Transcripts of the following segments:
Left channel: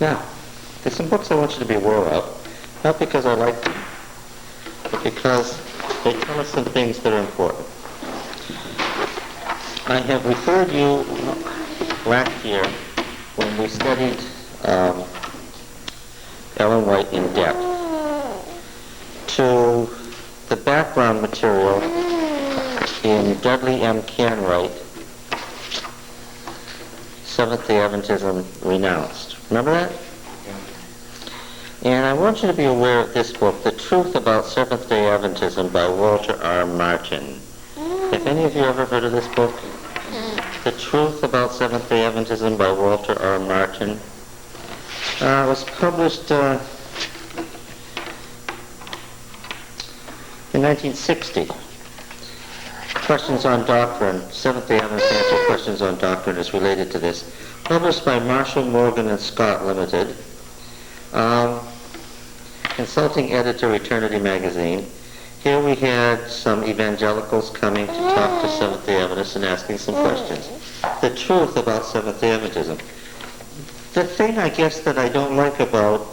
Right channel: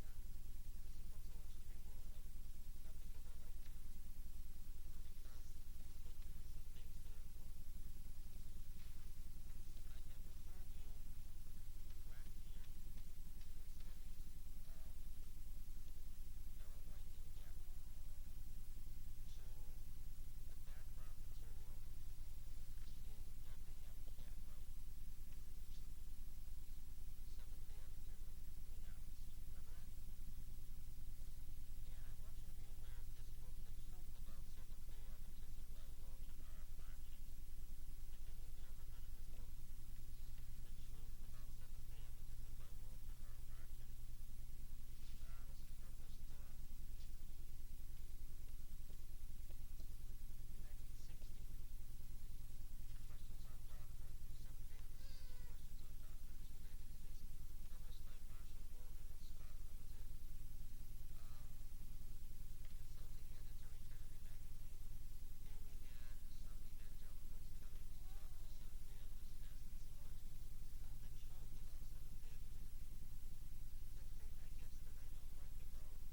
Now, there's some books I want you to be aware of, not because I like them, but because they tell us some things that are important. I have referred you last year when we studied Ellen White in depth to the background material in Dudley M. Canright, Seventh-day Adventism Renounced. Remember that? And I want you to be aware of this book, The Truth About Seventh-day Adventism by Walter R. Martin. Have any of you ever heard of this book? The Truth About Seventh-day Adventism by Walter R. Martin. It was published in 1960. Questions on Doctrine, Seventh-day Adventist Answer Questions on Doctrine is related to this. Published by Marshall, Morgan & Scott Limited. Consulting editor, Eternity Magazine. Here we had some evangelicals coming to talk to Seventh-day Adventists and asking some questions. The truth about Seventh-day Adventism. The thing, I guess, that I don't like about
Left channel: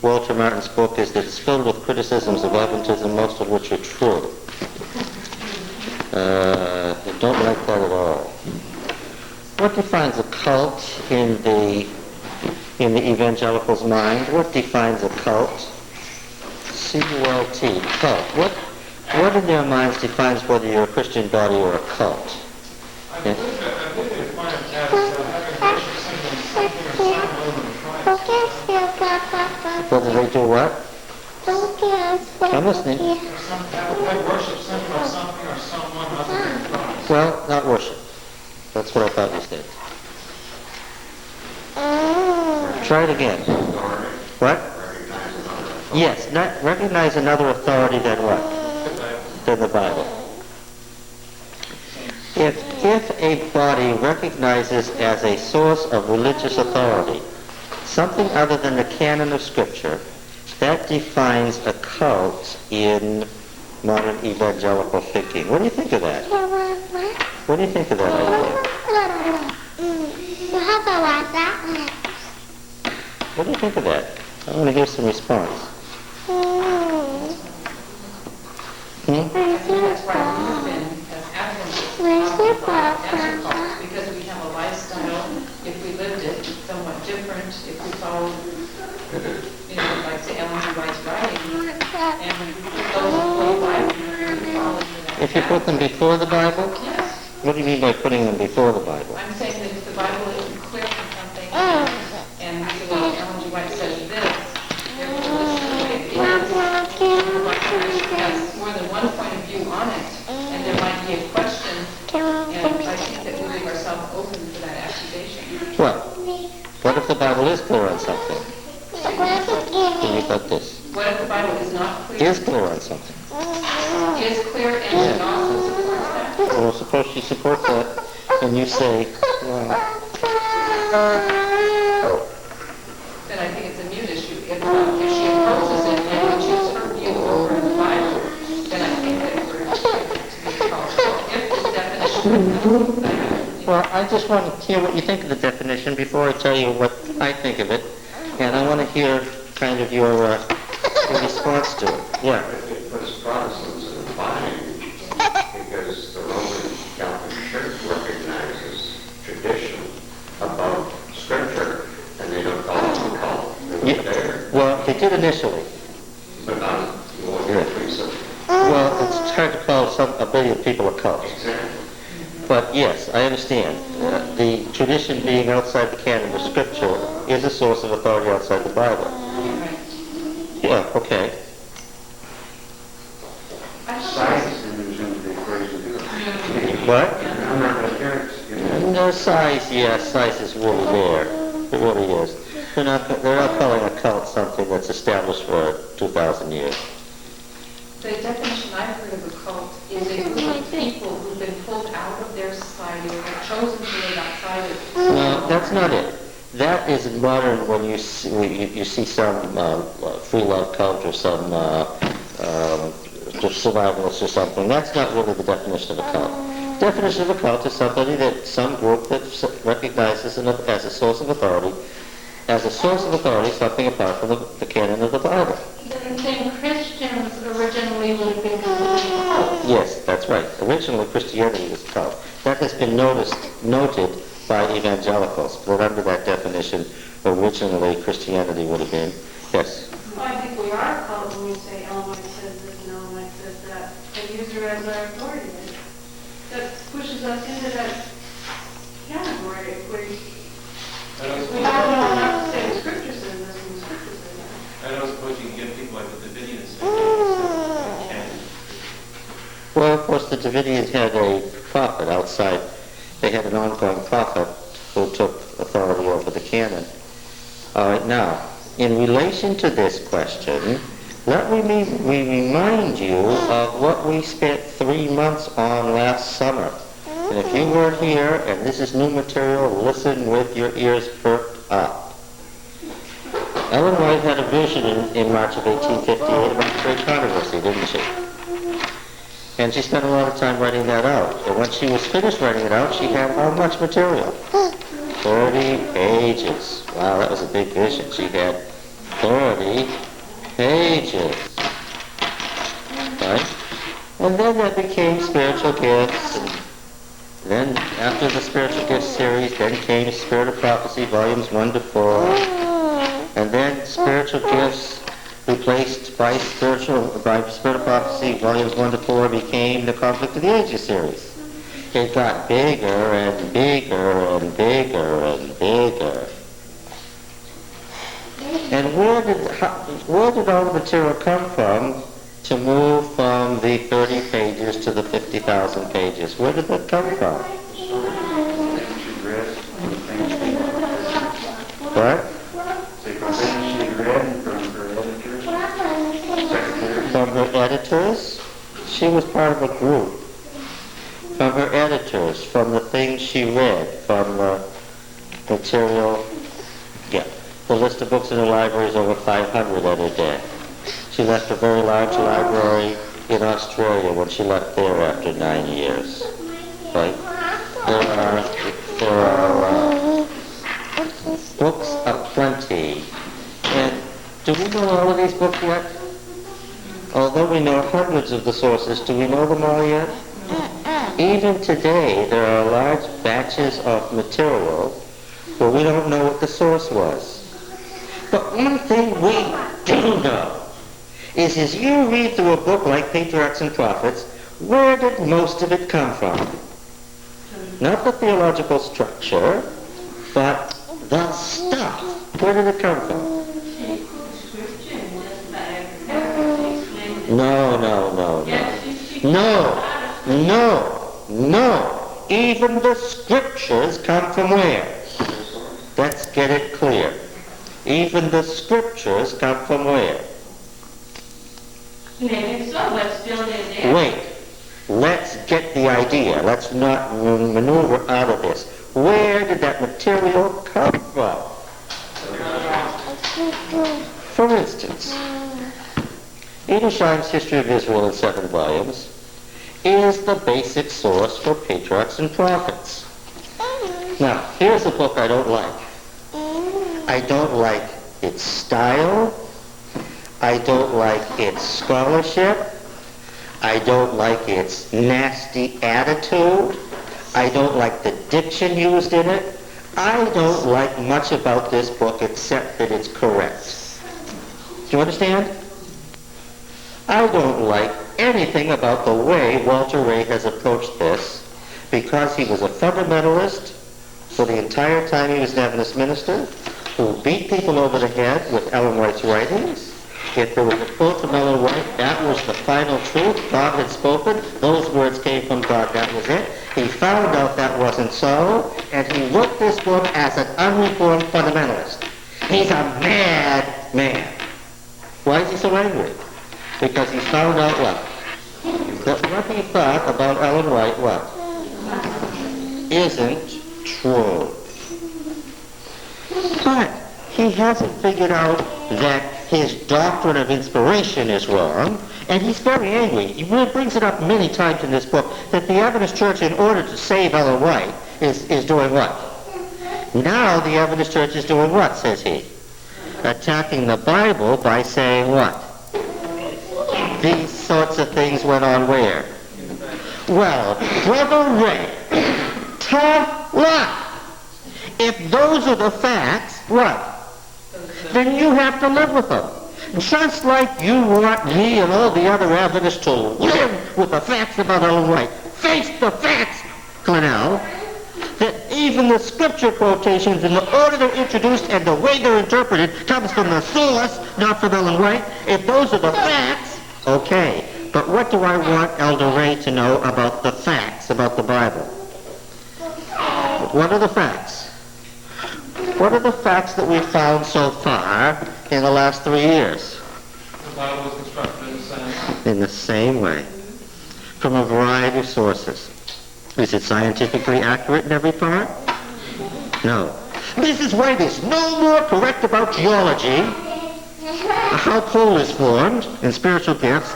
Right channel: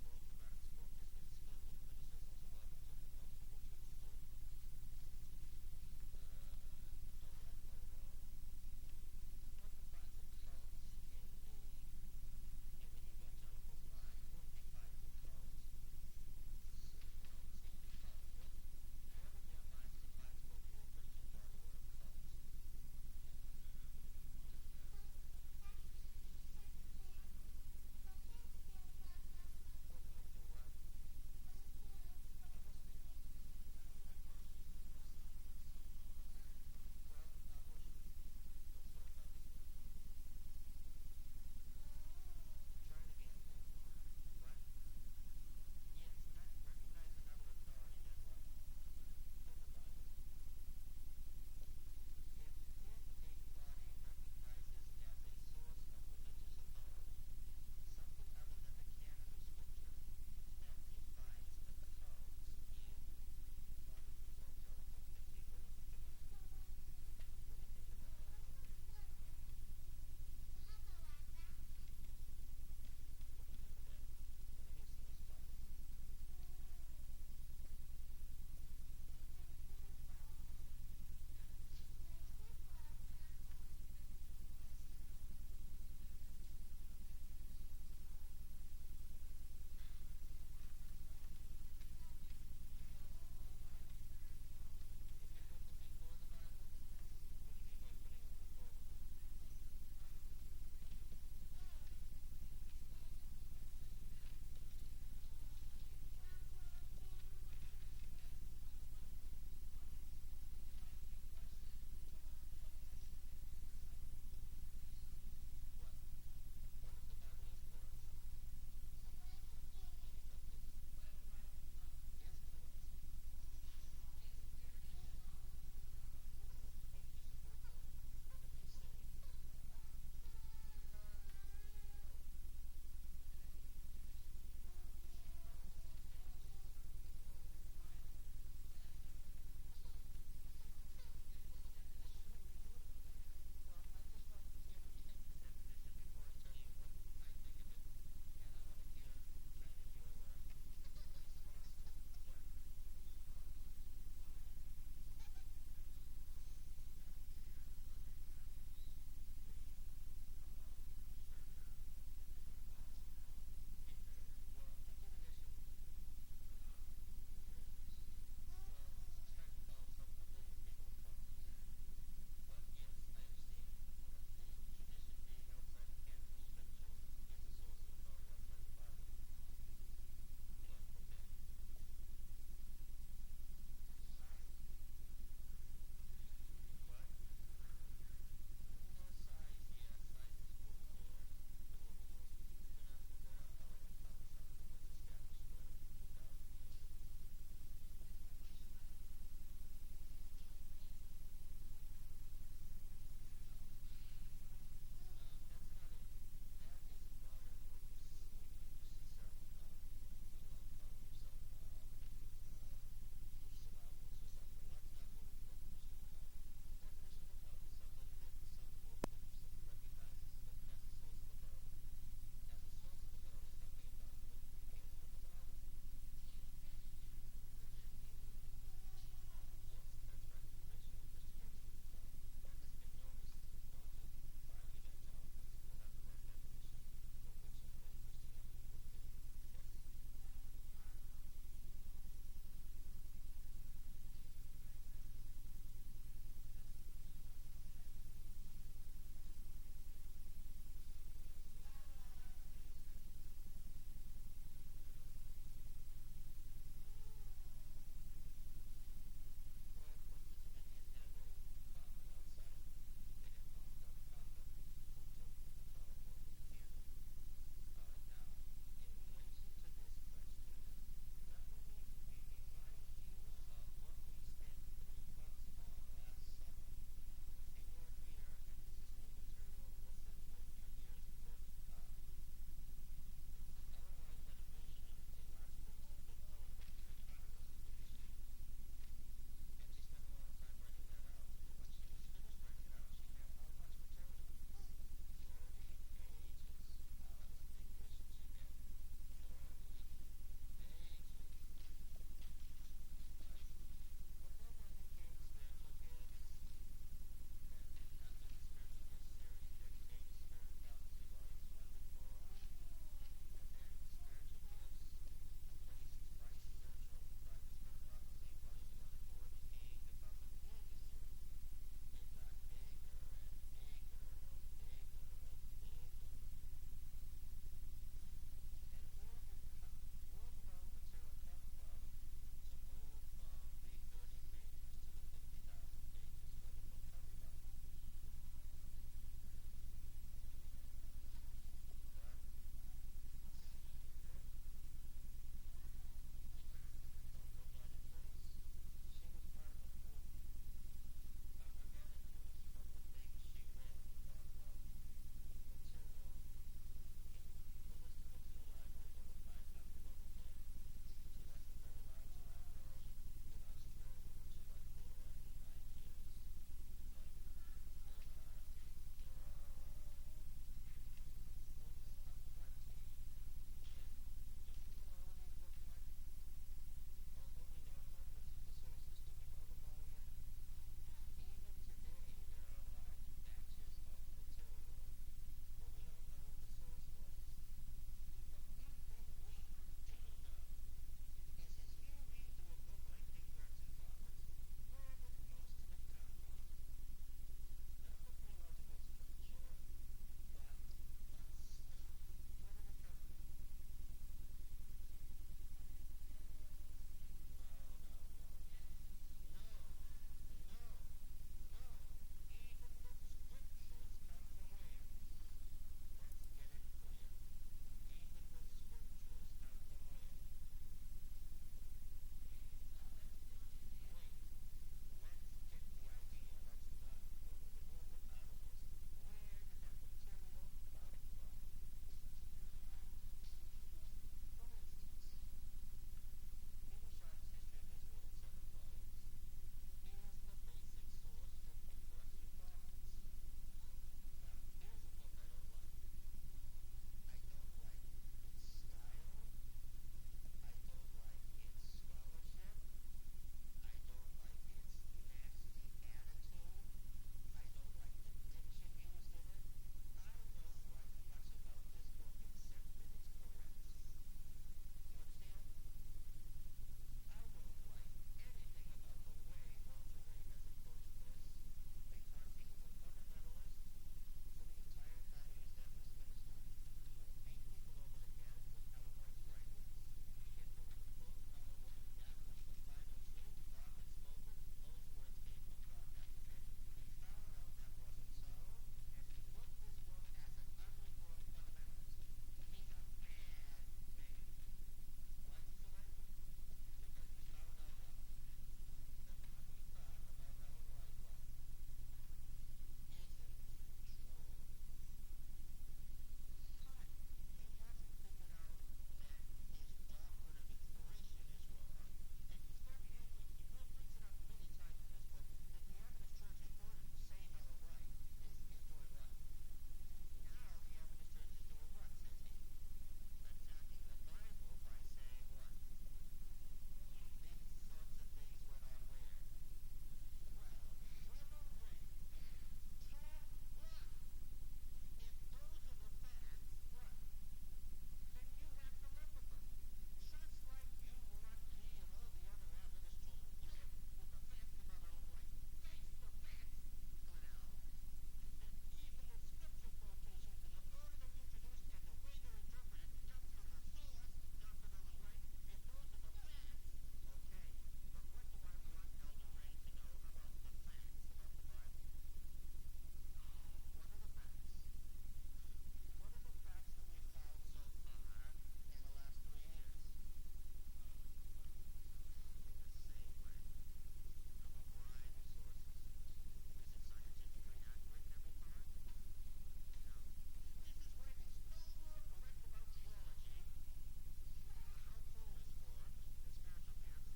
Walter Martin's book is that it's filled with criticisms of Adventism, most of which are true. I don't like that at all. What defines a cult in the evangelical's mind? What defines a cult? C-U-L-T, cult. What in their minds defines whether you're a Christian body or a cult? Yeah? Whether they do what? I'm listening. Worship something or something or someone other than Christ. Well, not worship. That's what I thought you said. Try it again. What? Yes, not recognize another authority than what? Than the Bible. If a body recognizes as a source of religious authority something other than the canon of Scripture, that defines a cult in modern evangelical thinking. What do you think of that? What do you think of that idea? What do you think of that? I want to hear some response. That's why we've been, as Adventists, because we have a lifestyle, if we lived it, somewhat different, if we followed, like say Ellen G. White's writing, and we put those before the Bible, we follow that. If you put them before the Bible? Yes. What do you mean by putting them before the Bible? I'm saying that if the Bible isn't clear on something, and we say, well, Ellen G. White says this, therefore this is the way it is. Has more than one point of view on it, and there might be a question, and I think that we leave ourselves open for that accusation. Well, what if the Bible is clear on something? Then you've got this. What if the Bible is not clear? Is clear on something. Is clear and it also supports that? Well, suppose she supports that, and you say, well, then I think it's a mute issue. If she opposes it and we choose her view over the Bible, then I think that we're to be called. If this definition well, I just want to hear what you think of the definition before I tell you what I think of it, and I want to hear kind of your response to it. Yeah. It puts Protestants in a bind because the Roman Catholic Church recognizes tradition above Scripture, and they don't call it a cult. They're there. Well, they did initially. But not more recently. Well, it's hard to call a billion people a cult. Exactly. But yes, I understand. The tradition being outside the canon of Scripture is a source of authority outside the Bible. Yeah, okay. Science enters into the equation. What? Appearance. No, size, yes, size is really there. It really is. They're not calling a cult something that's established for 2,000 years. The definition I've heard of a cult is a group of people who've been pulled out of their society or have chosen to live outside of it. No, that's not it. That is modern when you see some free love cult or some just survivalists or something. That's not really the definition of a cult. The definition of a cult is somebody that some group that recognizes as a source of authority as a source of authority, something apart from the canon of the Bible. Then Christians originally would have been considered cult. Yes, that's right. Originally, Christianity was cult. That has been noted by evangelicals. But under that definition, originally Christianity would have been, yes. Well, I think we are called when we say Ellen White says this and Ellen White says that, and use her as our authority. That pushes us into that category where we don't know enough to say the scripture says this and the scripture says that. I don't suppose you can get people like the Davidians saying, Well, of course, the Davidians had a prophet outside. They had an ongoing prophet who took authority over the canon. All right, now, in relation to this question, let me remind you of what we spent 3 months on last summer. And if you weren't here, and this is new material, listen with your ears perked up. Ellen White had a vision in March of 1858 about the great controversy, didn't she? And she spent a lot of time writing that out. And when she was finished writing it out, she had how much material? 30 pages. Wow, that was a big vision. She had 30 pages. Right? And then that became spiritual gifts. And then after the spiritual gifts series, then came Spirit of Prophecy, volumes 1 to 4. And then spiritual gifts replaced by Spirit of Prophecy, volumes 1 to 4, became the Conflict of the Ages series. It got bigger and bigger and bigger and bigger. And where did all the material come from to move from the 30 pages to the 50,000 pages? Where did that come from? What? From her editors? She was part of a group. From her editors, from the things she read, from the material, the list of books in her library is over 500 at her death. She left a very large library in Australia when she left there after 9 years. Right? There are books aplenty. And do we know all of these books yet? Although we know hundreds of the sources, do we know them all yet? Even today, there are large batches of material where we don't know what the source was. But one thing we do know is as you read through a book like Patriarchs and Prophets, where did most of it come from? Not the theological structure, but the stuff. Where did it come from? No. Even the scriptures come from where? Let's get it clear. Even the scriptures come from where? Maybe so, but still in there. Wait. Let's get the idea. Let's not maneuver out of this. Where did that material come from? For instance, Edersheim's History of Israel in 7 volumes is the basic source for Patriarchs and Prophets. Now, here's a book I don't like. I don't like its style. I don't like its scholarship. I don't like its nasty attitude. I don't like the diction used in it. I don't like much about this book except that it's correct. Do you understand? I don't like anything about the way Walter Ray has approached this because he was a fundamentalist for the entire time he was an Adventist minister who beat people over the head with Ellen White's writings. If there was a quote from Ellen White, that was the final truth. God had spoken. Those words came from God. That was it. He found out that wasn't so, and he wrote this book as an unreformed fundamentalist. He's a mad man. Why is he so angry? Because he found out what? That what he thought about Ellen White, what? Isn't true. But he hasn't figured out that his doctrine of inspiration is wrong, and he's very angry. He really brings it up many times in this book, that the Adventist Church, in order to save Ellen White, is doing what? Now the Adventist Church is doing what, says he? Attacking the Bible by saying what? These sorts of things went on where? Well, Brother Ray, tough luck. If those are the facts, what? Then you have to live with them. Just like you want me and all the other Adventists to live with the facts about Ellen White. Face the facts, Glenell, that even the scripture quotations in the order they're introduced and the way they're interpreted comes from the source, not from Ellen White. If those are the facts, okay. But what do I want Elder Ray to know about the facts, about the Bible? What are the facts? What are the facts that we've found so far in the last 3 years? The Bible was constructed in the same. In the same way, from a variety of sources. Is it scientifically accurate in every part? No. This is why there's no more correct about geology, how coal is formed, and spiritual gifts,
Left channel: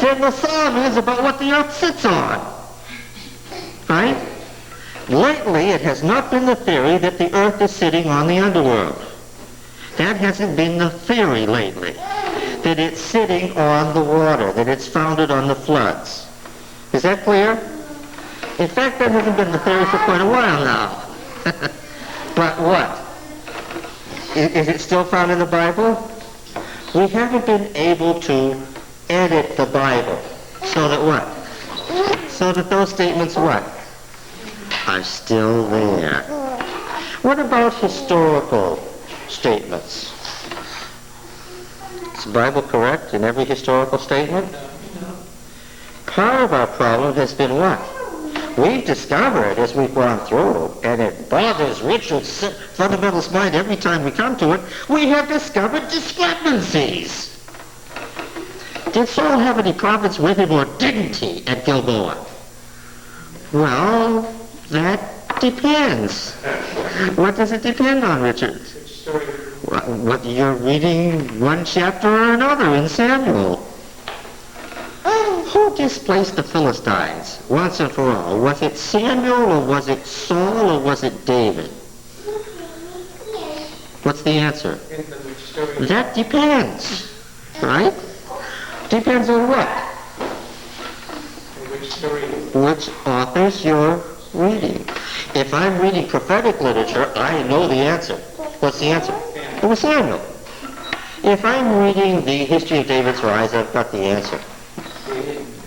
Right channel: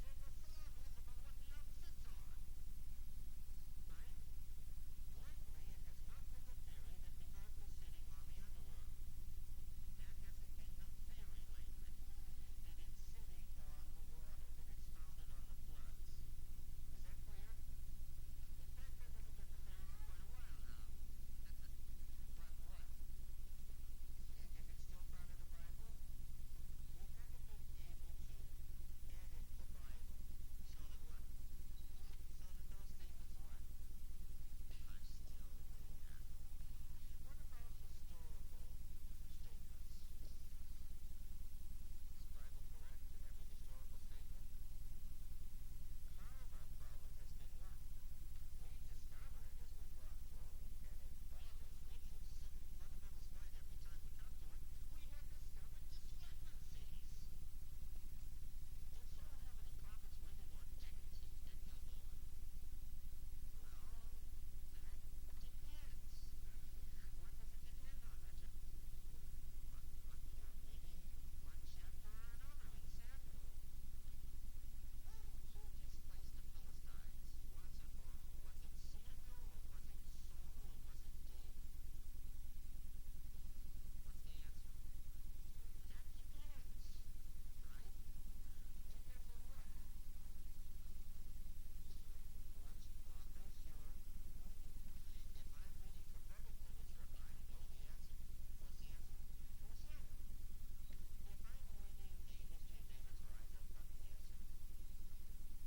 than the psalm is about what the earth sits on. Right? Lately, it has not been the theory that the earth is sitting on the underworld. That hasn't been the theory lately. That it's sitting on the water, that it's founded on the floods. Is that clear? In fact, that hasn't been the theory for quite a while now. But what? Is it still found in the Bible? We haven't been able to edit the Bible so that what? So that those statements what? Are still there. What about historical statements? Is the Bible correct in every historical statement? Part of our problem has been what? We've discovered as we've gone through, and it bothers Richard's fundamentalist mind every time we come to it, we have discovered discrepancies. Did Saul have any prophets with him or didn't he at Gilboa? Well, that depends. What does it depend on, Richard? What you're reading one chapter or another in Samuel. Who displaced the Philistines once and for all? Was it Samuel or was it Saul or was it David? What's the answer? That depends, right? Depends on what? Which authors you're reading. If I'm reading prophetic literature, I know the answer. What's the answer? It was Samuel. If I'm reading the history of David's rise, I've got the answer.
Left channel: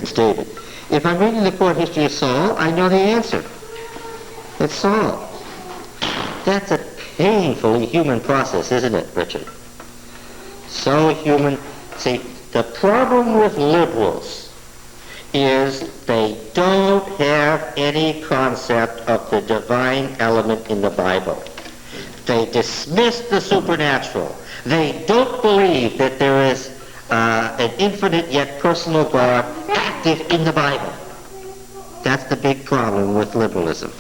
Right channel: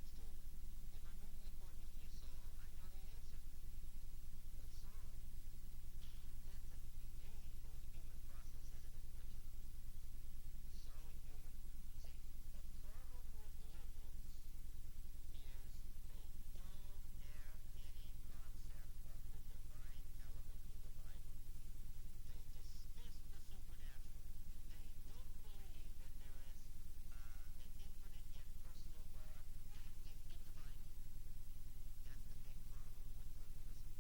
It's David. If I'm reading the court history of Saul, I know the answer. It's Saul. That's a painfully human process, isn't it, Richard? So human. See, the problem with liberals is they don't have any concept of the divine element in the Bible. They dismiss the supernatural. They don't believe that there is an infinite yet personal God active in the Bible. That's the big problem with liberalism.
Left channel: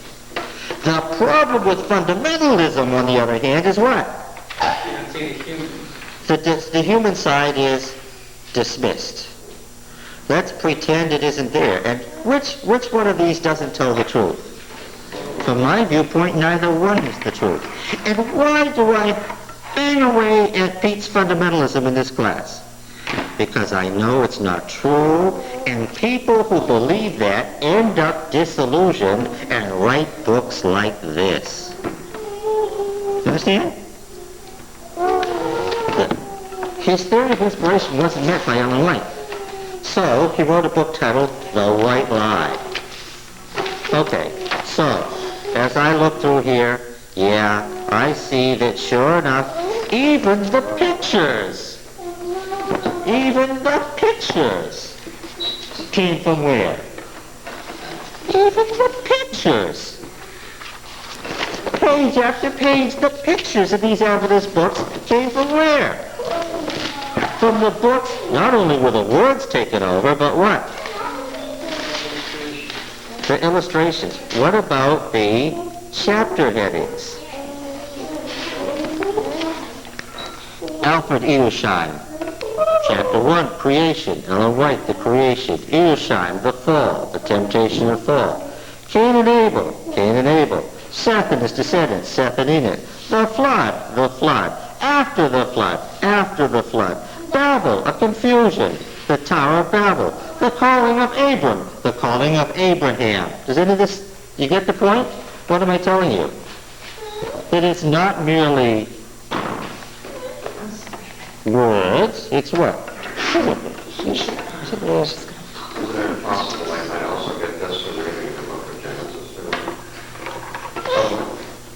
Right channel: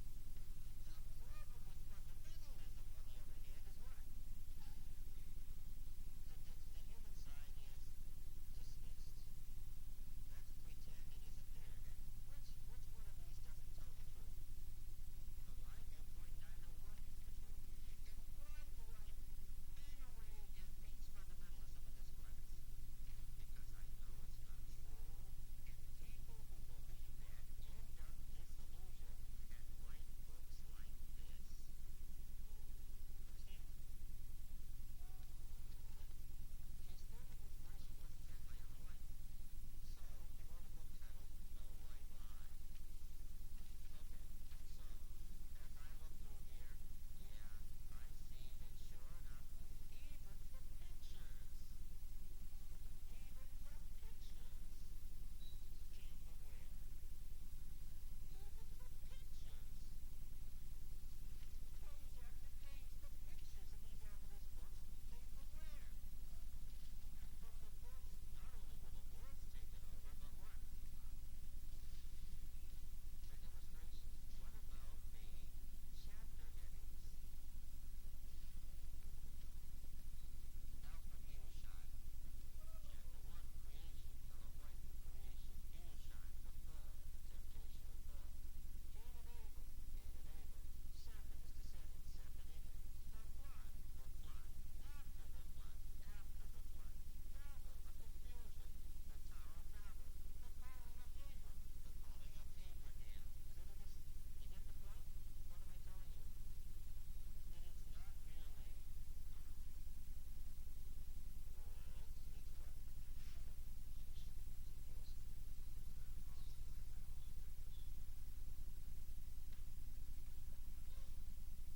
The problem with fundamentalism, on the other hand, is what? The human side is dismissed. Let's pretend it isn't there. And which one of these doesn't tell the truth? From my viewpoint, neither one is the truth. And why do I bang away at Pete's fundamentalism in this class? Because I know it's not true, and people who believe that end up disillusioned and write books like this. You understand? His theory of inspiration wasn't met by Ellen White. So he wrote a book titled The White Lie. Okay, so as I look through here, yeah, I see that sure enough, even the pictures came from where? Even the pictures. Page after page, the pictures of these Adventist books came from where? From the books, not only were the words taken over, but what? The illustrations. What about the chapter headings? Alfred Edersheim. Chapter 1, Creation. Ellen White, the Creation. Edersheim, the Fall, the Temptation of Fall. Cain and Abel. Seth and his descendants, Seth and Enoch. The flood, the flood. After the flood, after the flood. Babel, a confusion. The Tower of Babel. The calling of Abram, the calling of Abraham. Does any of this, you get the point? What am I telling you? That it's not merely words, it's what? Is it possible I might also get this from reading the book of Genesis?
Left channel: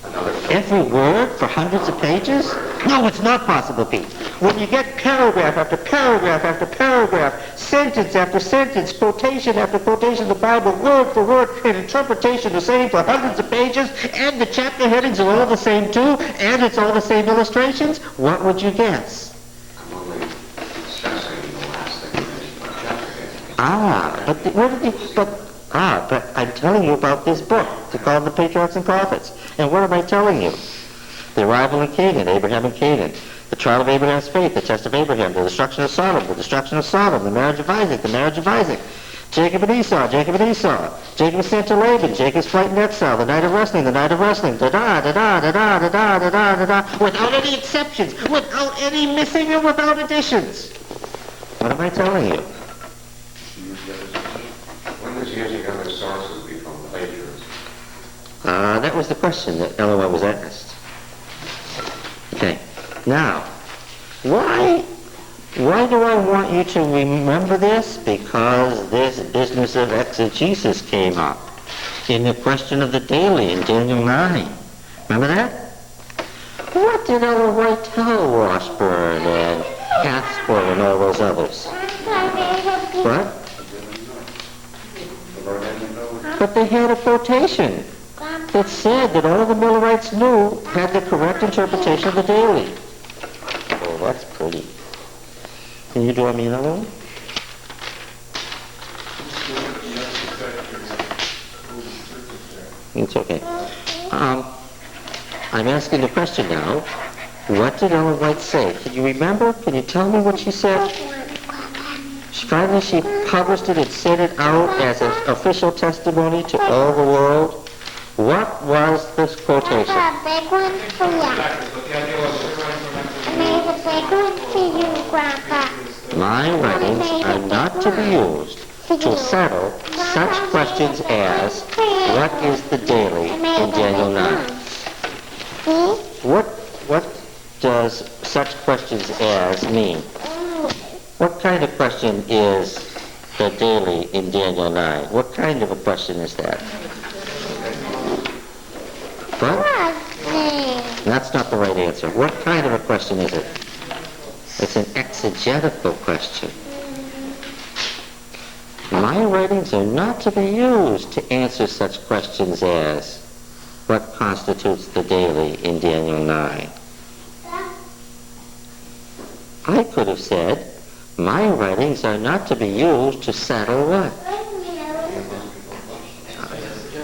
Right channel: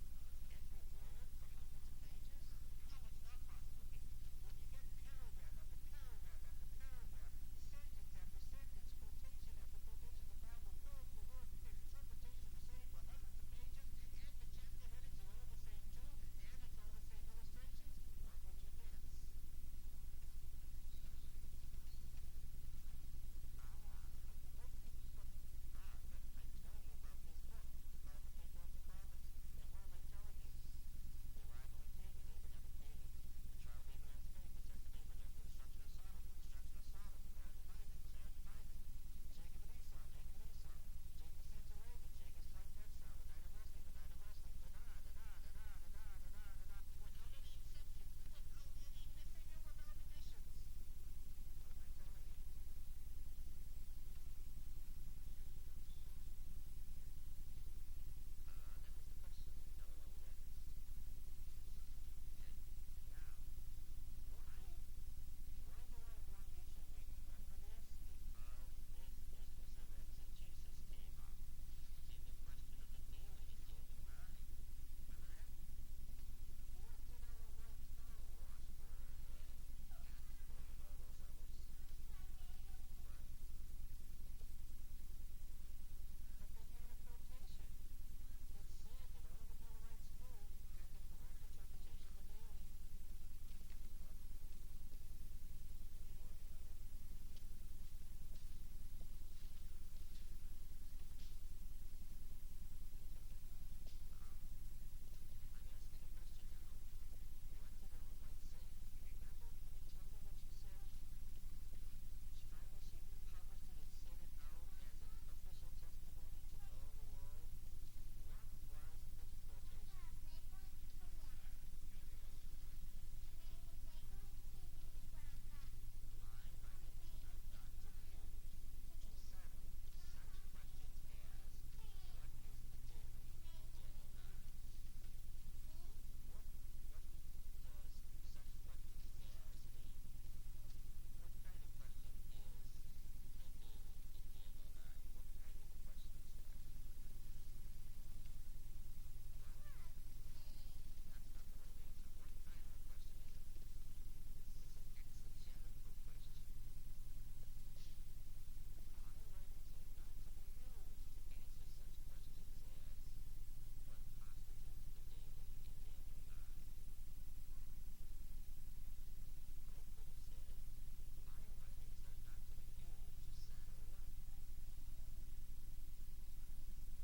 Another Every word for hundreds of pages? No, it's not possible, Pete. When you get paragraph after paragraph after paragraph, sentence after sentence, quotation after quotation, the Bible word for word, and interpretation the same for hundreds of pages, and the chapter headings are all the same too, and it's all the same illustrations, what would you guess? I'm only discussing the last thing in the chapter heading. But I'm telling you about this book. It's called The Patriarchs and Prophets. And what am I telling you? The arrival in Canaan, Abraham and Canaan. The trial of Abraham's faith, the test of Abraham, the destruction of Sodom, the marriage of Isaac. Jacob and Esau, Jacob is sent to Laban, Jacob's flight in exile, the night of wrestling, without any exceptions, without any missing and without additions. What am I telling you? When does using other sources become plagiarism? That was the question that LOL was asked. Okay. Now, why do I want you to remember this? Because this business of exegesis came up in the question of the daily in Daniel 9. Remember that? What did Ellen White tell Washburn and Hathsport and all those others? What? But they had a quotation that said that all the Millerites knew had the correct interpretation of the daily. Oh, that's pretty. Can you draw me another one? It's okay. I'm asking the question now. What did Ellen White say? Can you remember? Can you tell me what she said? Finally, she published it and sent it out as an official testimony to all the world. What was this quotation? A big one for you. There's a big one for you, Grandpa. My writings are not to be used to settle such questions as, what is the daily in Daniel 9? What does such questions as mean? What kind of question is the daily in Daniel 9? What kind of a question is that? What? That's not the right answer. What kind of a question is it? It's an exegetical question. My writings are not to be used to answer such questions as, what constitutes the daily in Daniel 9? I could have said, my writings are not to be used to settle what?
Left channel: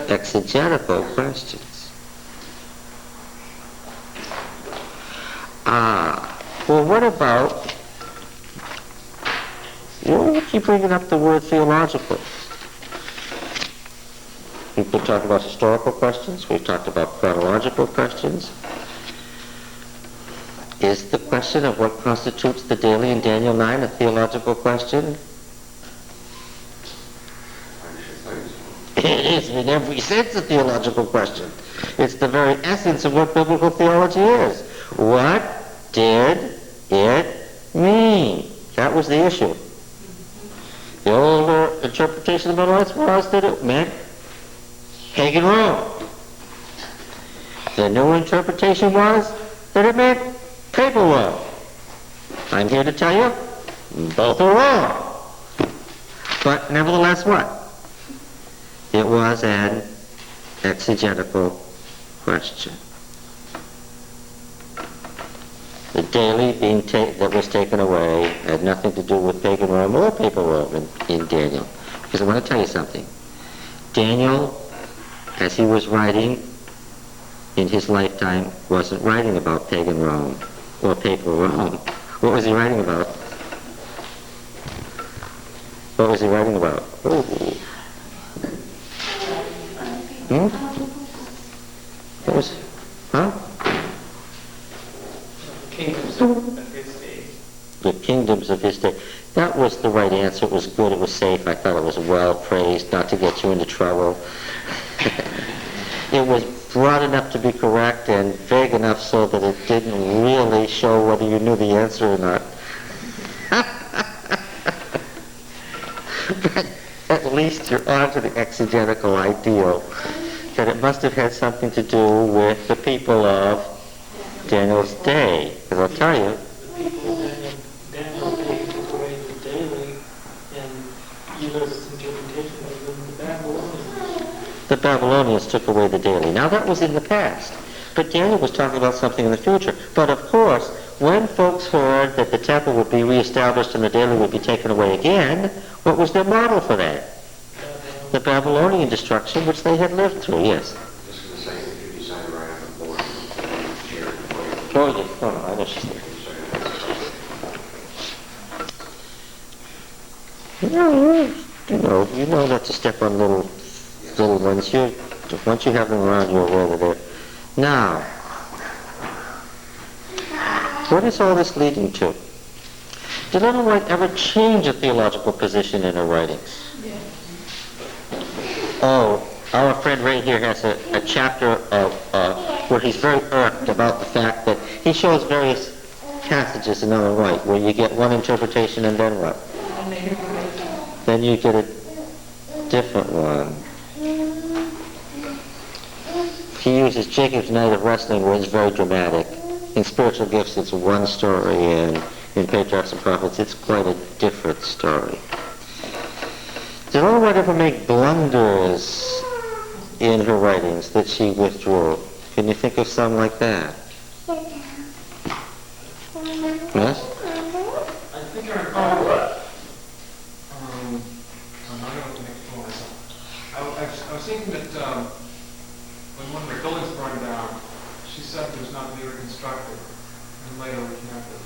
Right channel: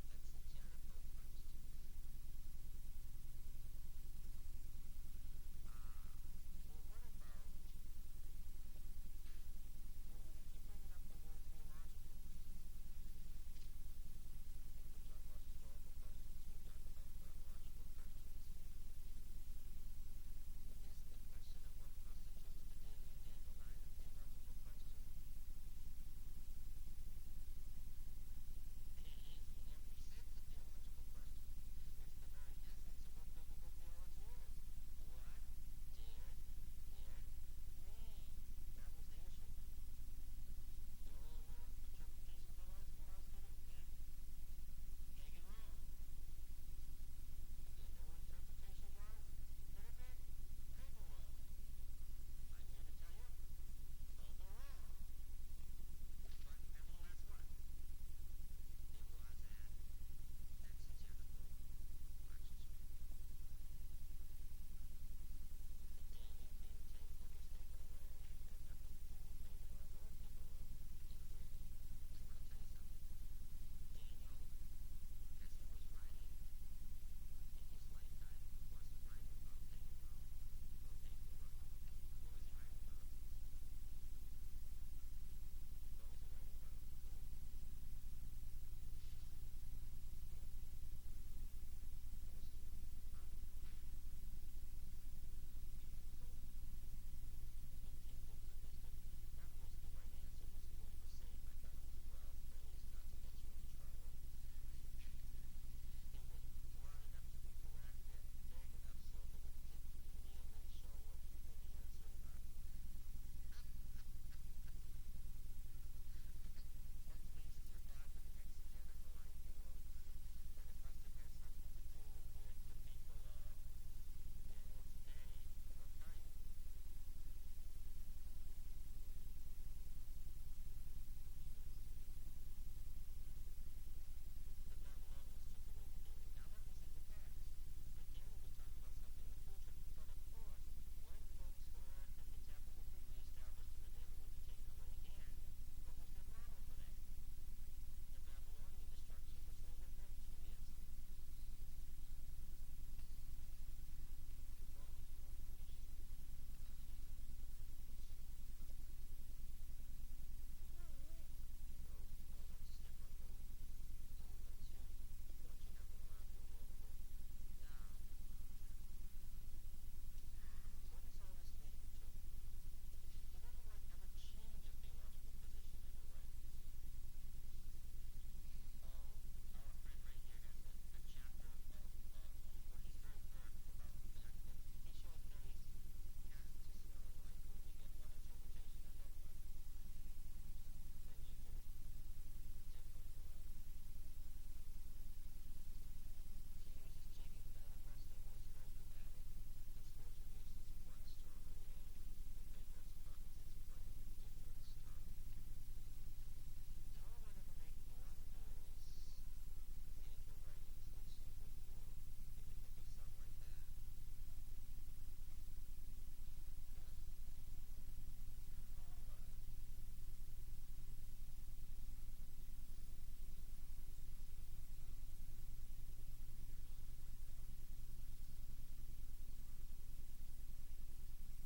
Exegetical questions. Well, what about, you keep bringing up the word theological. We've been talking about historical questions. We've talked about chronological questions. Is the question of what constitutes the daily in Daniel 9 a theological question? It is in every sense a theological question. It's the very essence of what biblical theology is. What did it mean? That was the issue. The older interpretation of the Millerites was that it meant pagan Rome. The new interpretation was that it meant papal Rome. I'm here to tell you, both are wrong. But nevertheless, what? It was an exegetical question. The daily that was taken away had nothing to do with pagan Rome or papal Rome in Daniel. Because I want to tell you something. Daniel, as he was writing in his lifetime, wasn't writing about pagan Rome or papal Rome. What was he writing about? What was he writing about? It was, huh? Kingdoms of his day. The kingdoms of his day. That was the right answer. It was good. It was safe. I thought it was well praised, not to get you into trouble. It was broad enough to be correct and vague enough so that it didn't really show whether you knew the answer or not. But at least you're on to the exegetical ideal that it must have had something to do with the people of Daniel's day. Because I'll tell you, The people of Daniel's day took away the daily, and Eva's interpretation of the Babylonians. the Babylonians took away the daily. Now that was in the past. But Daniel was talking about something in the future. But of course, when folks heard that the temple would be reestablished and the daily would be taken away again, what was their model for that? The Babylonian destruction which they had lived through, yes. Just going to say, if you decide right on the board, share it with Oh, yes. Oh, no, I know she's there. You know not to step on little ones. Once you have them around, you're aware that they're... Now, what is all this leading to? Did Ellen White ever change a theological position in her writings? Oh, our friend Ray here has a chapter of where he's very irked about the fact that he shows various passages in Ellen White where you get one interpretation and then what? Then you get a different one. He uses Jacob's Night of Wrestling where it's very dramatic. In Spiritual Gifts it's one story, and in Patriarchs and Prophets it's quite a different story. Did Ellen White ever make blunders in her writings that she withdrew? Can you think of some like that? Yes? I think I recall, I'm not going to make a fool of myself. I was thinking that when one of the buildings burned down, she said it was not to be reconstructed, and later reconnected.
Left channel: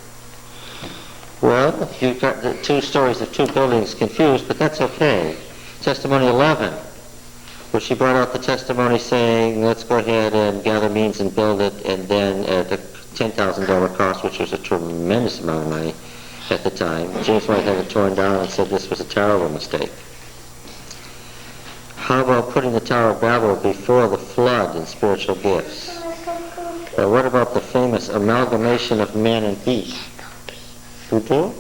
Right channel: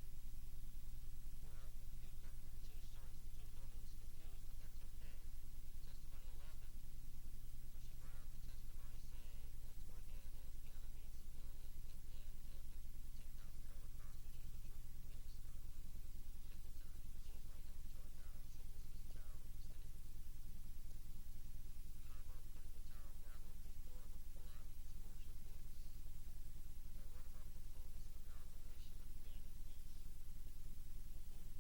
Well, you've got the two stories of two buildings confused, but that's okay. Testimony 11, where she brought out the testimony saying, let's go ahead and gather means and build it, and then at a $10,000 cost, which was a tremendous amount of money at the time, James White had it torn down and said this was a terrible mistake. How about putting the Tower of Babel before the flood in Spiritual Gifts? What about the famous amalgamation of man and beast? Who do?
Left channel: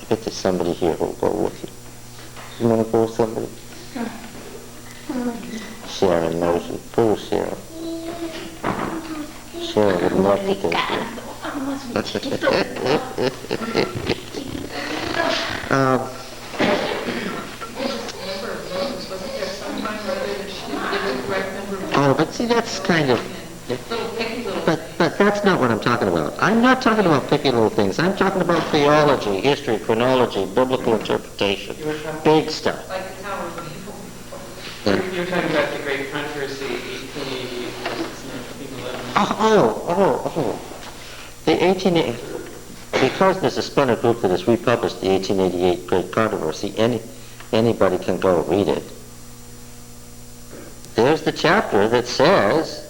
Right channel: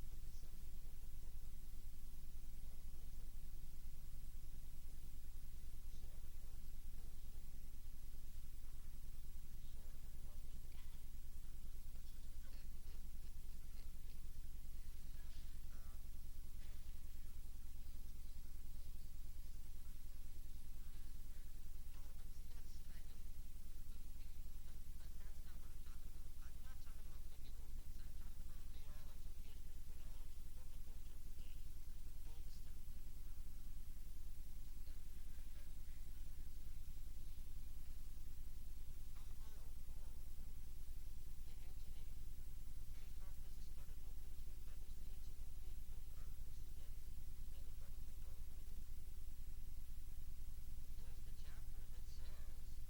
I bet there's somebody here who'll go with you. You want to go with somebody? Sharon knows you. Go with Sharon. Sharon would love to take you. Oh, but see, that's kind of... But that's not what I'm talking about. I'm not talking about picky little things. I'm talking about theology, history, chronology, biblical interpretation. Big stuff. Like the Tower of Babel. You're talking about the great controversy, 1888 versus 1911. Oh. The 1880... Because there's a splendid group that has republished the 1888 Great Controversy, anybody can go read it. There's the chapter that says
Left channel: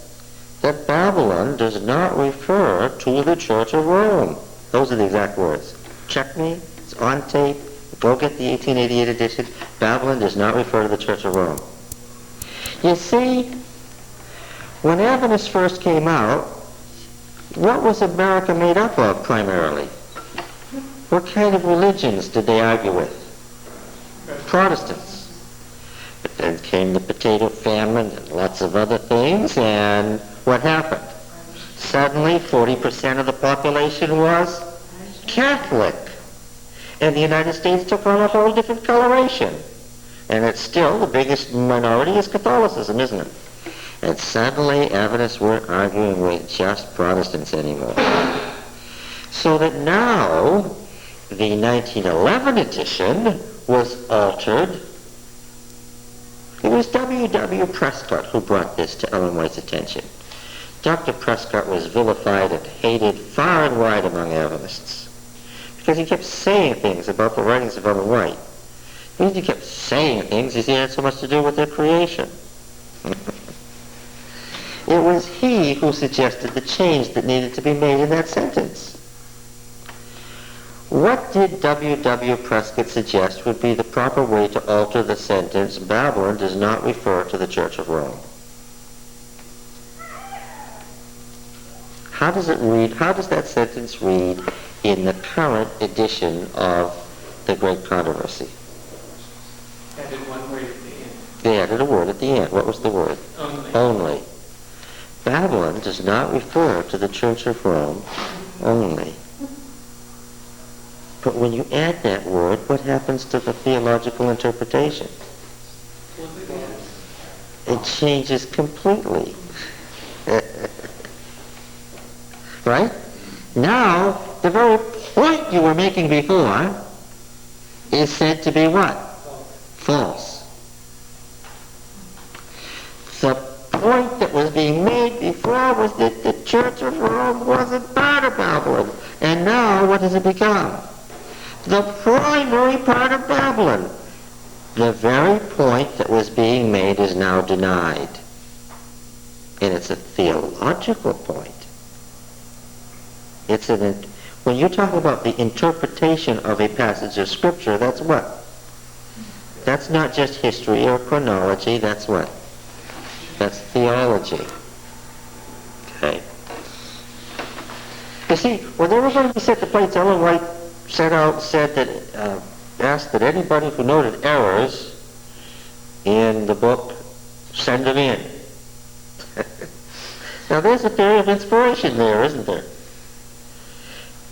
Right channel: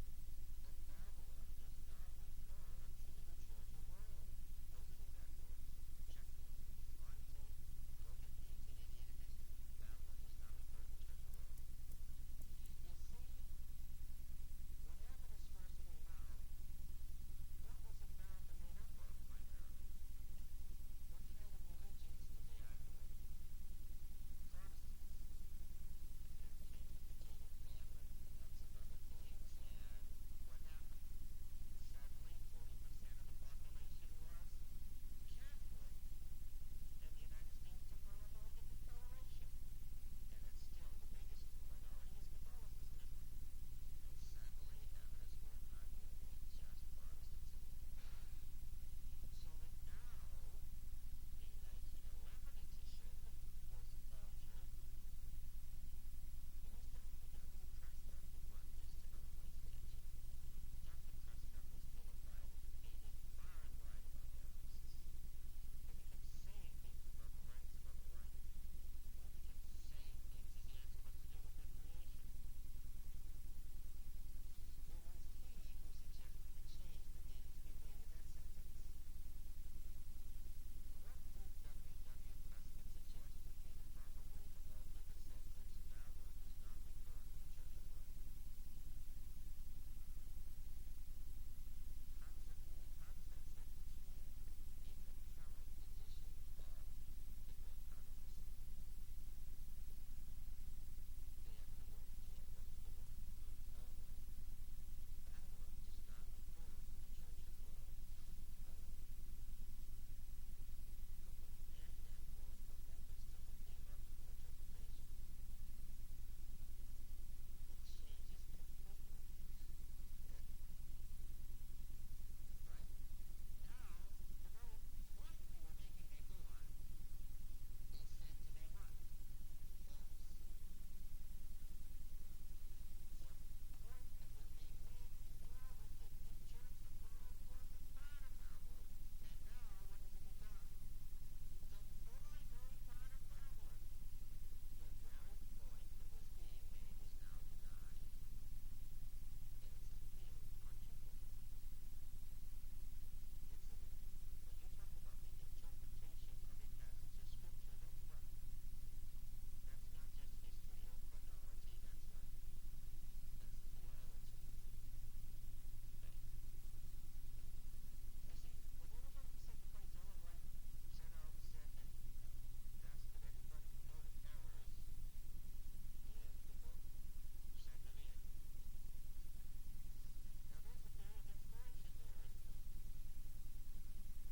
that Babylon does not refer to the Church of Rome. Those are the exact words. Check me. It's on tape. Go get the 1888 edition. Babylon does not refer to the Church of Rome. You see, when Adventists first came out, what was America made up of primarily? What kind of religions did they argue with? Protestants. But then came the potato famine and lots of other things, and what happened? Suddenly 40% of the population was Catholic. And the United States took on a whole different coloration. And it's still the biggest minority is Catholicism, isn't it? And suddenly Adventists weren't arguing with just Protestants anymore. So that now the 1911 edition was altered. It was W.W. Prescott who brought this to Ellen White's attention. Dr. Prescott was vilified and hated far and wide among Adventists because he kept saying things about the writings of Ellen White. The reason he kept saying things is he had so much to do with their creation. It was he who suggested the change that needed to be made in that sentence. What did W.W. Prescott suggest would be the proper way to alter the sentence, Babylon does not refer to the Church of Rome? How does it read? How does that sentence read in the current edition of The Great Controversy? Added one word at the end. They added a word at the end. What was the word? Only. Only. Babylon does not refer to the Church of Rome only. But when you add that word, what happens to the theological interpretation? It changes completely. Right? Now, the very point you were making before is said to be what? False. The point that was being made before was that the Church of Rome wasn't part of Babylon. And now, what has it become? The primary part of Babylon. The very point that was being made is now denied. And it's a theological point. When you talk about the interpretation of a passage of Scripture, that's what? That's not just history or chronology, that's what? That's theology. Okay. You see, when they were going to set the plates, Ellen White asked that anybody who noted errors in the book send them in. Now there's a theory of inspiration there, isn't there?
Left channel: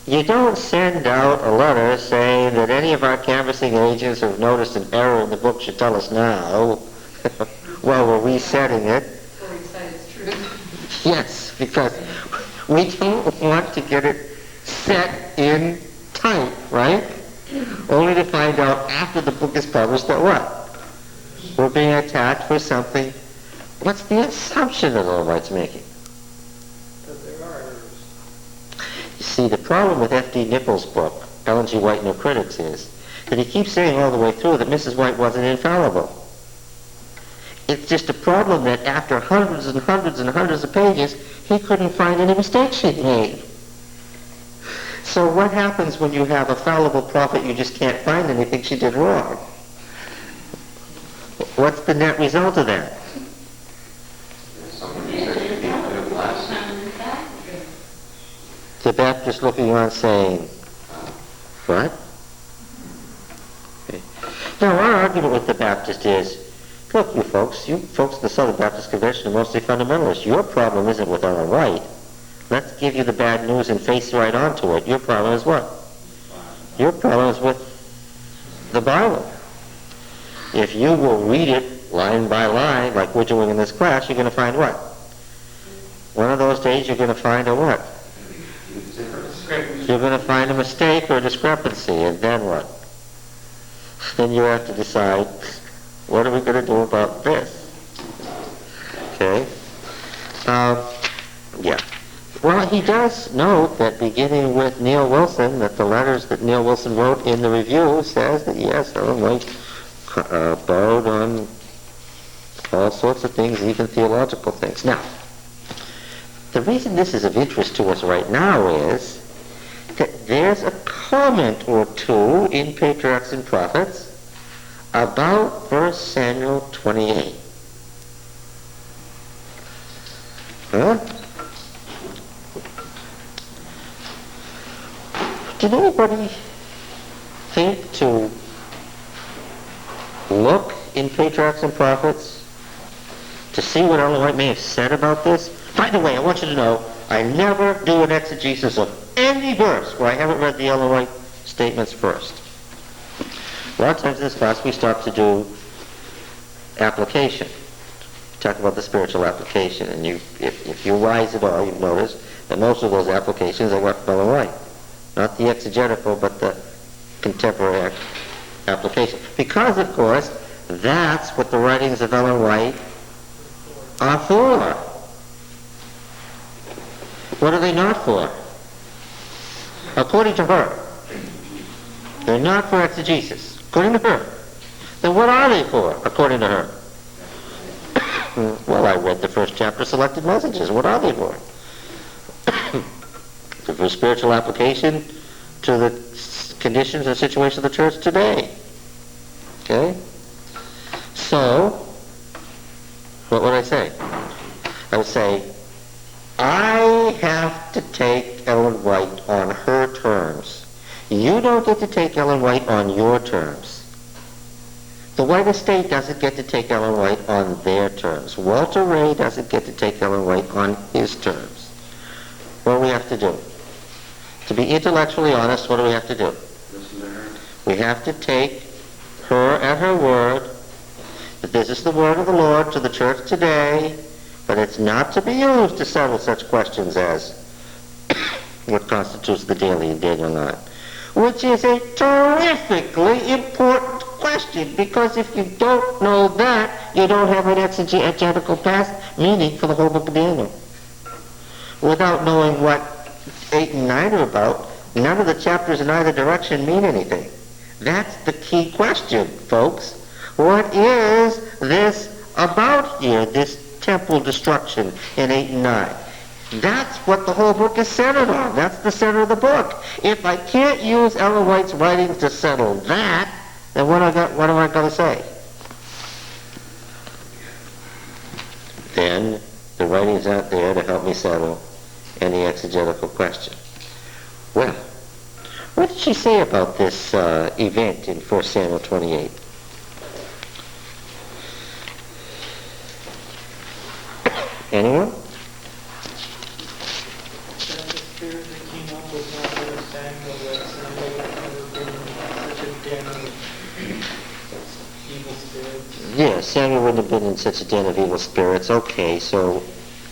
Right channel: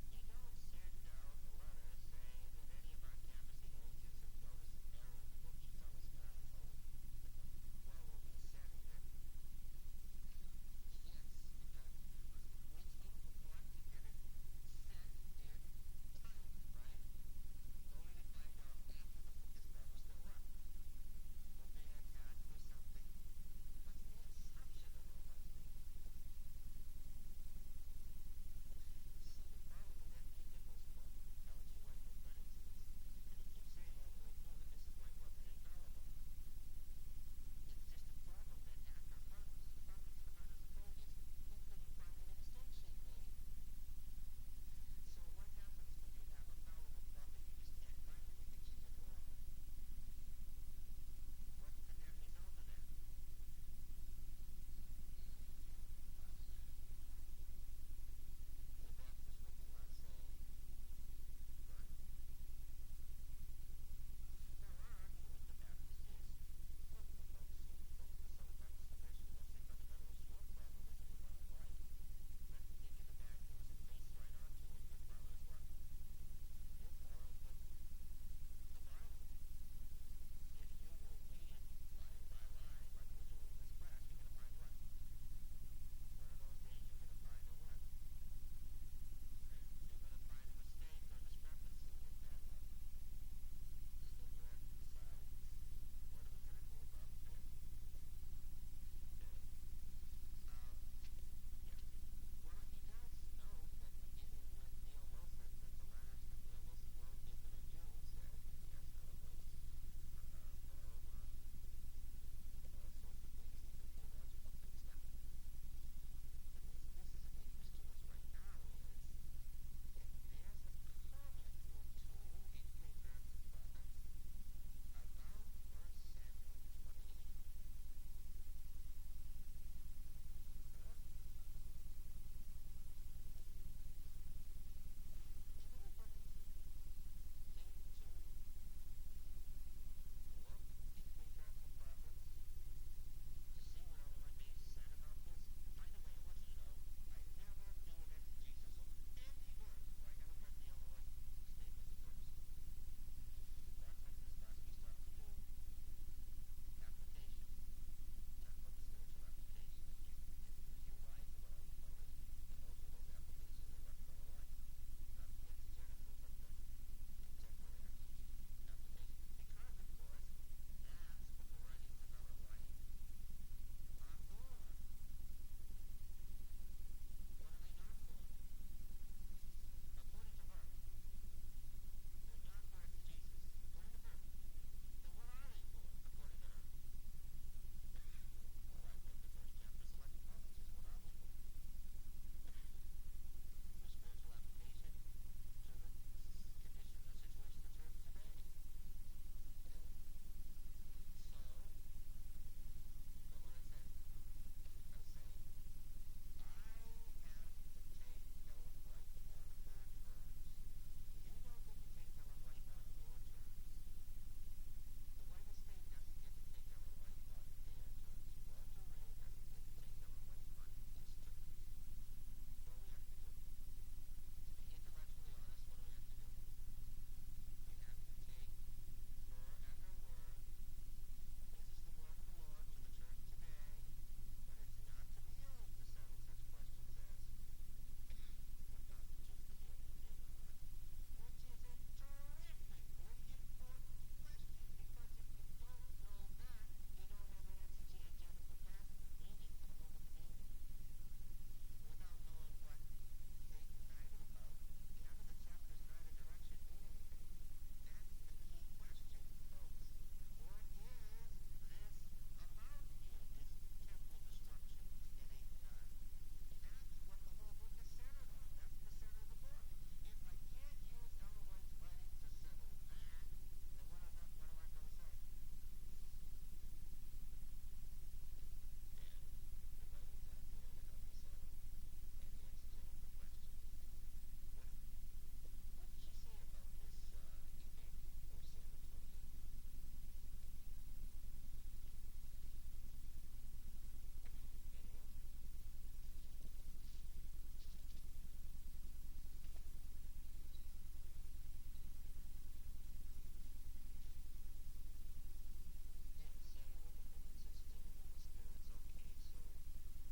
You don't send out a letter saying that any of our canvassing agents who have noticed an error in the book should tell us now while we're resetting it. Or recite its truth. Yes, because we don't want to get it set in type, right? Only to find out after the book is published that what? We're being attacked for something. What's the assumption that Ellen White's making? That there are errors. You see, the problem with F.D. Nichols' book, Ellen G. White No Critics, is that he keeps saying all the way through that Mrs. White wasn't infallible. It's just a problem that after hundreds and hundreds and hundreds of pages, he couldn't find any mistakes she'd made. So what happens when you have a fallible prophet you just can't find anything she did wrong? What's the net result of that? Somebody says you need to do less. The Baptist looking on saying, what? Okay. Now our argument with the Baptist is, look, you folks in the Southern Baptist Convention are mostly fundamentalists. Your problem isn't with Ellen White. Let's give you the bad news and face right onto it. Your problem is what? Your problem is with the Bible. If you will read it line by line, like we're doing in this class, you're going to find what? One of those days you're going to find a what? You're going to find a mistake or a discrepancy, and then what? Then you have to decide, what are we going to do about this? Okay? Yeah. Well, he does note that beginning with Neil Wilson, that the letters that Neil Wilson wrote in the review says that, yes, Ellen White borrowed on all sorts of things, even theological things. Now, the reason this is of interest to us right now is that there's a comment or two in Patriarchs and Prophets about 1 Samuel 28. Huh? Did anybody think to look in Patriarchs and Prophets to see what Ellen White may have said about this? By the way, I want you to know, I never do an exegesis of any verse where I haven't read the Ellen White statements first. A lot of times in this class we start to do application. Talk about the spiritual application, and if you rise at all, you've noticed that most of those applications are what Ellen White. Not the exegetical, but the contemporary application. Because, of course, that's what the writings of Ellen White are for. What are they not for? According to her. They're not for exegesis. According to her. Then what are they for, according to her? Well, I read the first chapter, Selected Messages. What are they for? For spiritual application to the conditions and situation of the church today. Okay? So, what would I say? I would say, I have to take Ellen White on her terms. You don't get to take Ellen White on your terms. The White Estate doesn't get to take Ellen White on their terms. Walter Ray doesn't get to take Ellen White on his terms. What do we have to do? To be intellectually honest, what do we have to do? Listen to her. We have to take her at her word, that this is the word of the Lord to the church today, but it's not to be used to settle such questions as what constitutes the daily in Daniel 9, which is a terrifically important question, because if you don't know that, you don't have an exegetical past meaning for the whole book of Daniel. Without knowing what 8 and 9 are about, none of the chapters in either direction mean anything. That's the key question, folks. What is this about here, this temple destruction in 8 and 9? That's what the whole book is centered on. That's the center of the book. If I can't use Ellen White's writings to settle that, then what am I going to say? Then the writings aren't there to help me settle any exegetical question. Well, what did she say about this event in 1 Samuel 28? Anyone? That the spirit that came up was not really Samuel, that Samuel had never been in such a den of evil spirits. Yeah, Samuel wouldn't have been in such a den of evil spirits. Okay, so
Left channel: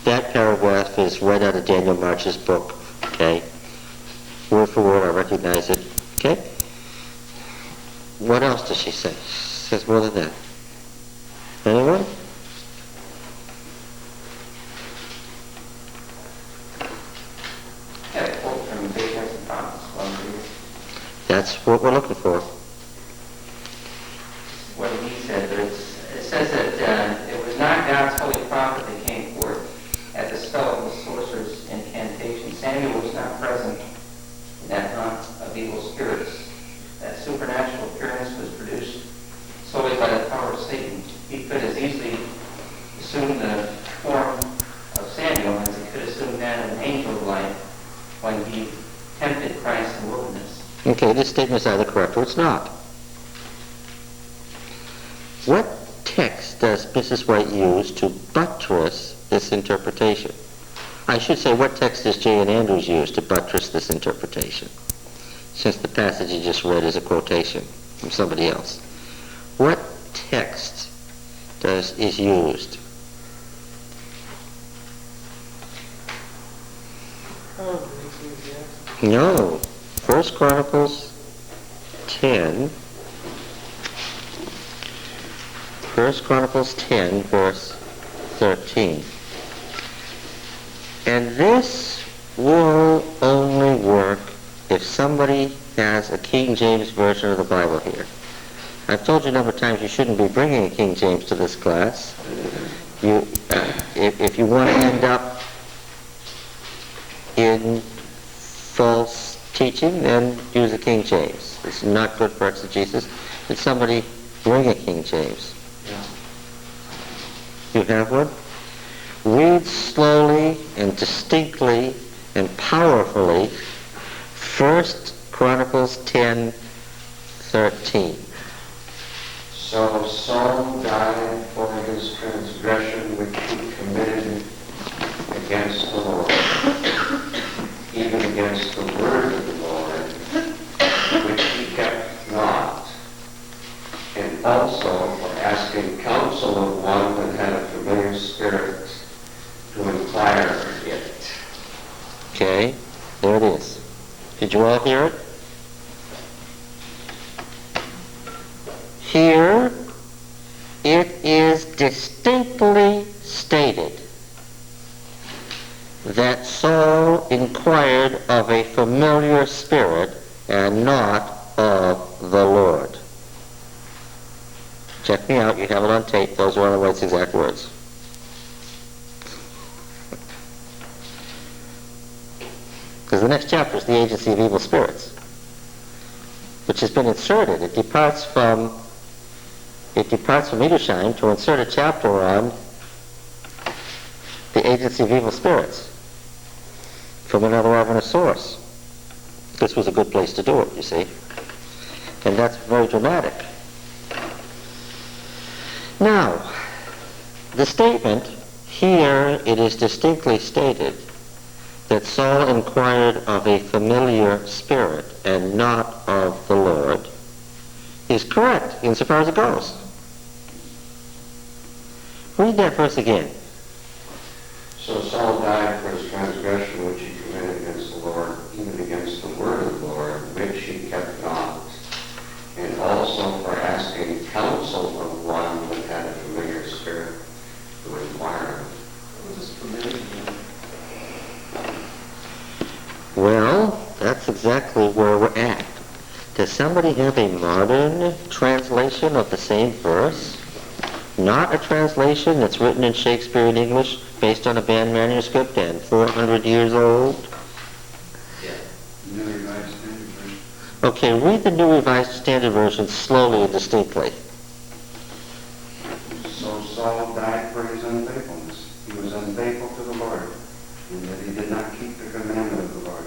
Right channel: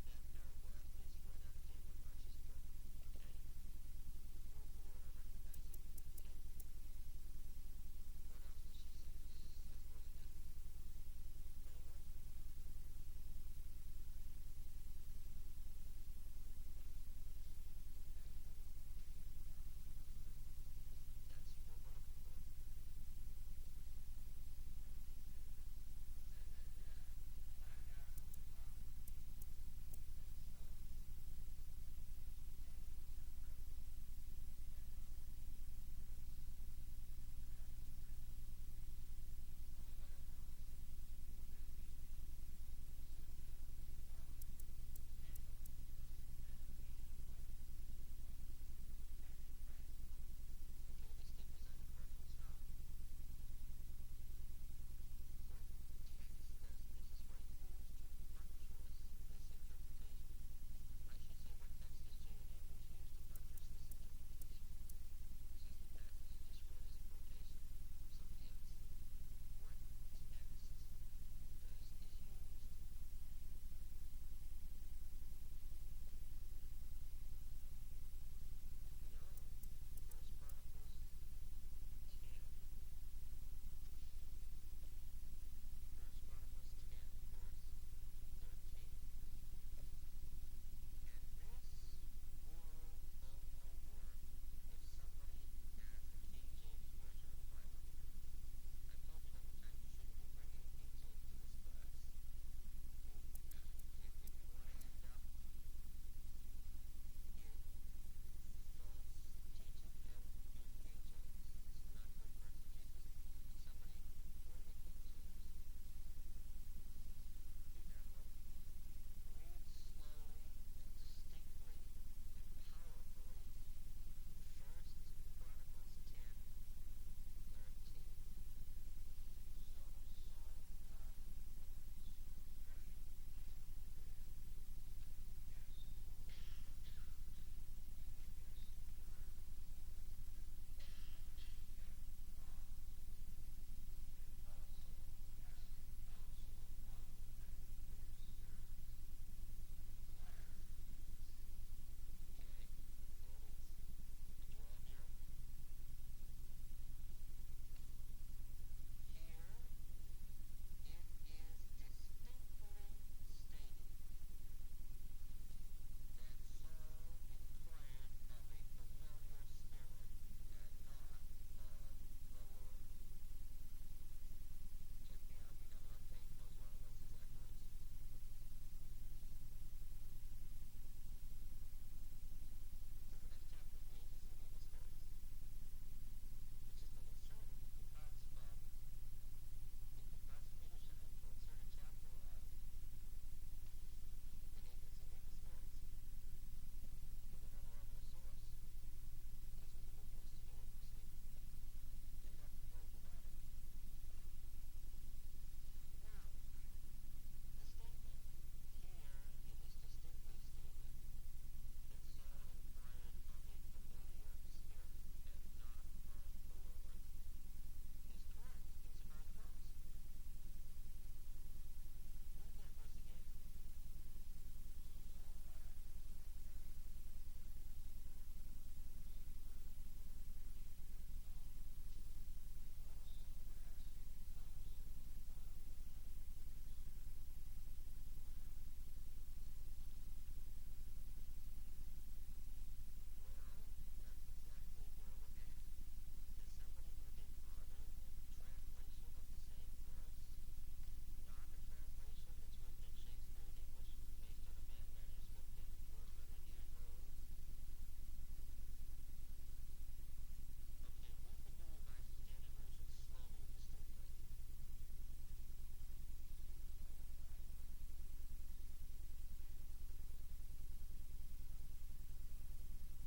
that paragraph is right out of Daniel March's book. Okay? Word for word, I recognize it. Okay? What else does she say? She says more than that. Anyone? Got a quote from Patriarchs and Prophets, one of these. That's what we're looking for. What he said, but it says that it was not God's holy prophet that came forth at the spell of the sorcerer's incantation. Samuel was not present in that hunt of evil spirits. That supernatural appearance was produced solely by the power of Satan. He could as easily assume the form of Samuel as he could assume that of an angel of light when he tempted Christ in the wilderness. Okay, this statement is either correct or it's not. What text does Mrs. White use to buttress this interpretation? I should say, what text does J.N. Andrews use to buttress this interpretation? Since the passage you just read is a quotation from somebody else. What text is used? Probably Ecclesiastes. No. 1 Chronicles 10. 1 Chronicles 10, verse 13. And this will only work if somebody has a King James version of the Bible here. I've told you a number of times you shouldn't be bringing a King James to this class. If you want to end up in false teaching, then use a King James. It's not good for exegesis. Did somebody bring a King James? You have one? Read slowly and distinctly and powerfully 1 Chronicles 10:13. So Saul died for his transgression which he committed against the Lord, even against the word of the Lord, which he kept not, and also for asking counsel of one that had a familiar spirit to inquire it. Okay, there it is. Did you all hear it? Here it is distinctly stated that Saul inquired of a familiar spirit and not of the Lord. Check me out, you have it on tape, those are Ellen White's exact words. Because the next chapter is the agency of evil spirits, which has been inserted. It departs from Edersheim to insert a chapter on the agency of evil spirits from another Adventist source. This was a good place to do it, you see. And that's very dramatic. Now, the statement, here it is distinctly stated that Saul inquired of a familiar spirit and not of the Lord, is correct insofar as it goes. Read that verse again. So Saul died for his transgression which he committed against the Lord, even against the word of the Lord, which he kept not, and also for asking counsel of one that had a familiar spirit to inquire. What is familiar? Well, that's exactly where we're at. Does somebody have a modern translation of the same verse? Not a translation that's written in Shakespearean English based on a banned manuscript and 400 years old? New Revised Standard Version. Okay, read the New Revised Standard Version slowly and distinctly. So Saul died for his unfaithfulness. He was unfaithful to the Lord, in that he did not keep the commandment of the Lord.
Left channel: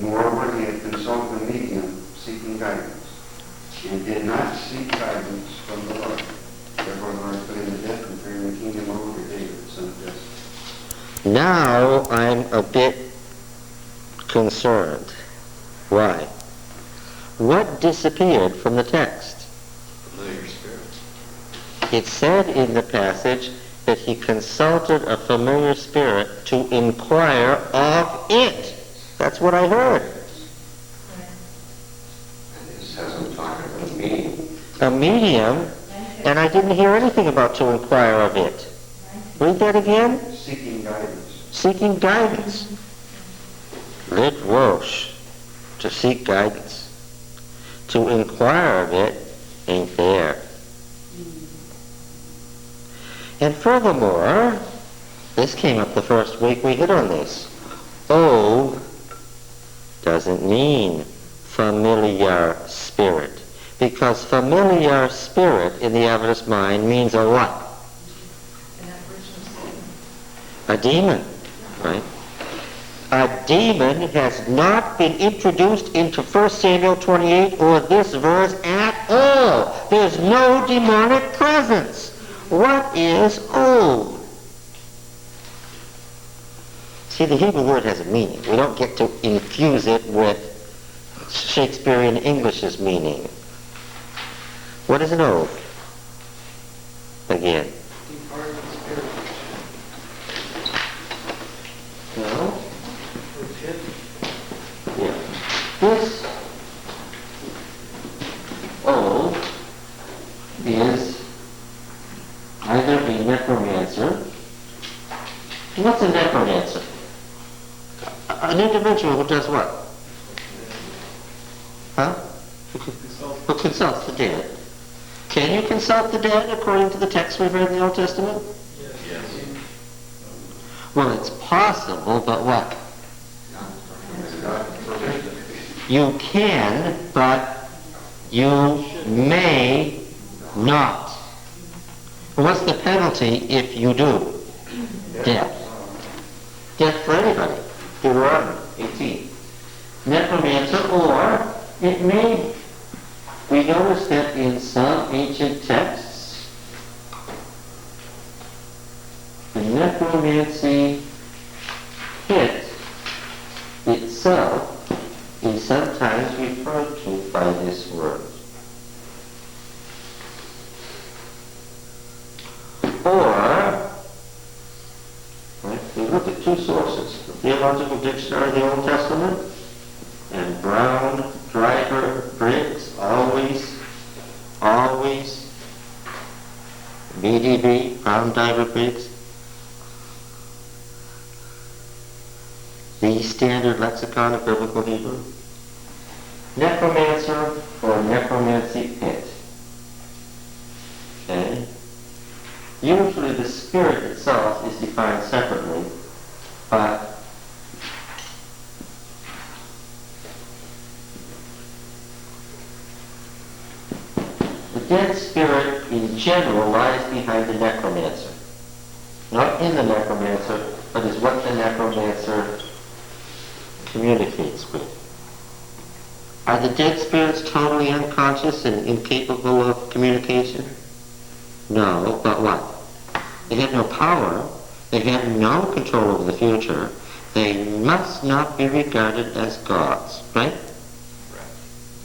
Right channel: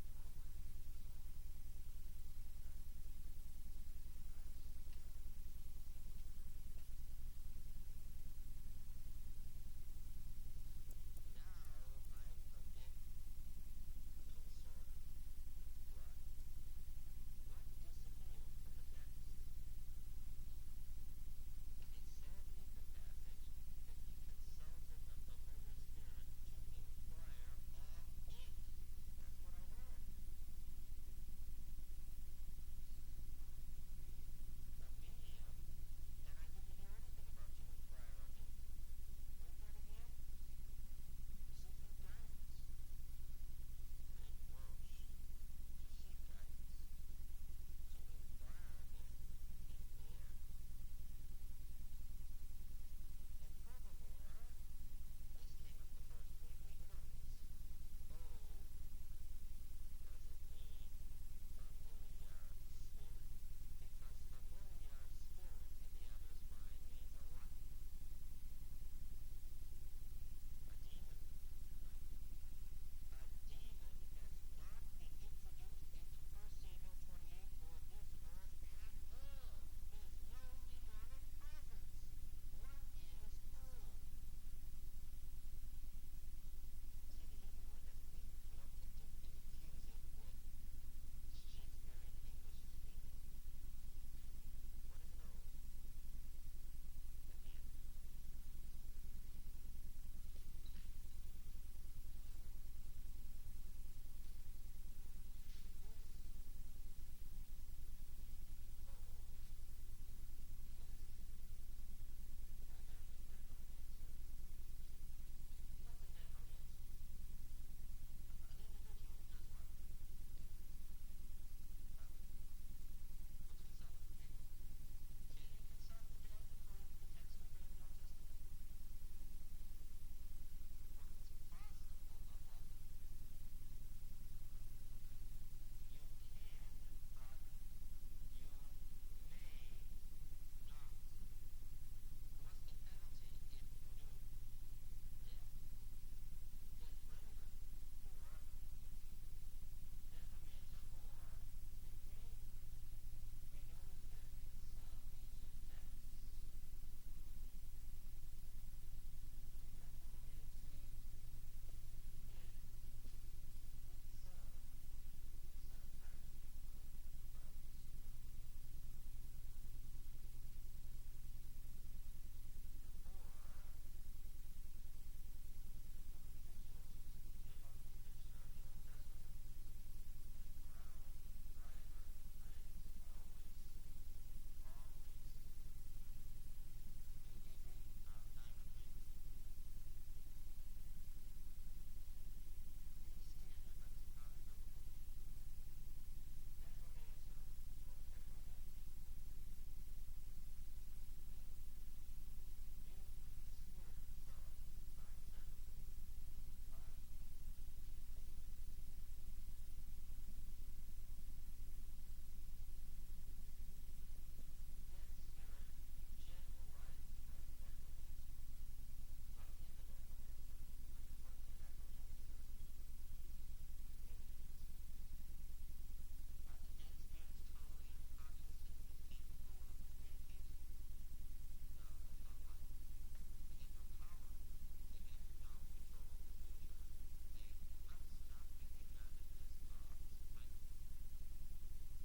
Moreover, he had consulted a medium seeking guidance, and did not seek guidance from the Lord. Therefore, the Lord put him to death and turned the kingdom over to David, son of Jesse. Now I'm a bit concerned. Why? What disappeared from the text? Familiar spirit. It said in the passage that he consulted a familiar spirit to inquire of it. That's what I heard. And this hasn't talked about a medium. A medium, and I didn't hear anything about to inquire of it. Read that again. Seeking guidance. Seeking guidance. Lit Roche. To seek guidance. To inquire of it ain't there. And furthermore, this came up the first week we hit on this. O doesn't mean familiar spirit. Because familiar spirit in the Adventist mind means a what? A demon, right? A demon has not been introduced into 1 Samuel 28 or this verse at all. There's no demonic presence. What is O? See, the Hebrew word has a meaning. We don't get to infuse it with Shakespearean English's meaning. What is an O? Again. Departed spirit. No? Legit. Yeah. This O is either a necromancer. What's a necromancer? An individual who does what? Huh? Who consults the dead. Can you consult the dead according to the text we've read in the Old Testament? Yes. Well, it's possible, but what? God forbid. You can, but you may not. What's the penalty if you do? Death. Death for anybody. Deuteronomy 18. Necromancer, or it may, we notice that in some ancient texts, the necromancy pit itself is sometimes referred to by this word. Or, right, we look at two sources, the Theological Dictionary of the Old Testament and Brown, Driver, Briggs, always, BDB, Brown, Driver, Briggs, the Standard Lexicon of Biblical Hebrew. Necromancer or necromancy pit. Okay? Usually the spirit itself is defined separately, but dead spirit in general lies behind the necromancer. Not in the necromancer, but is what the necromancer communicates with. Are the dead spirits totally unconscious and incapable of communication? No, but what? They have no power. They have no control over the future. They must not be regarded as gods, right?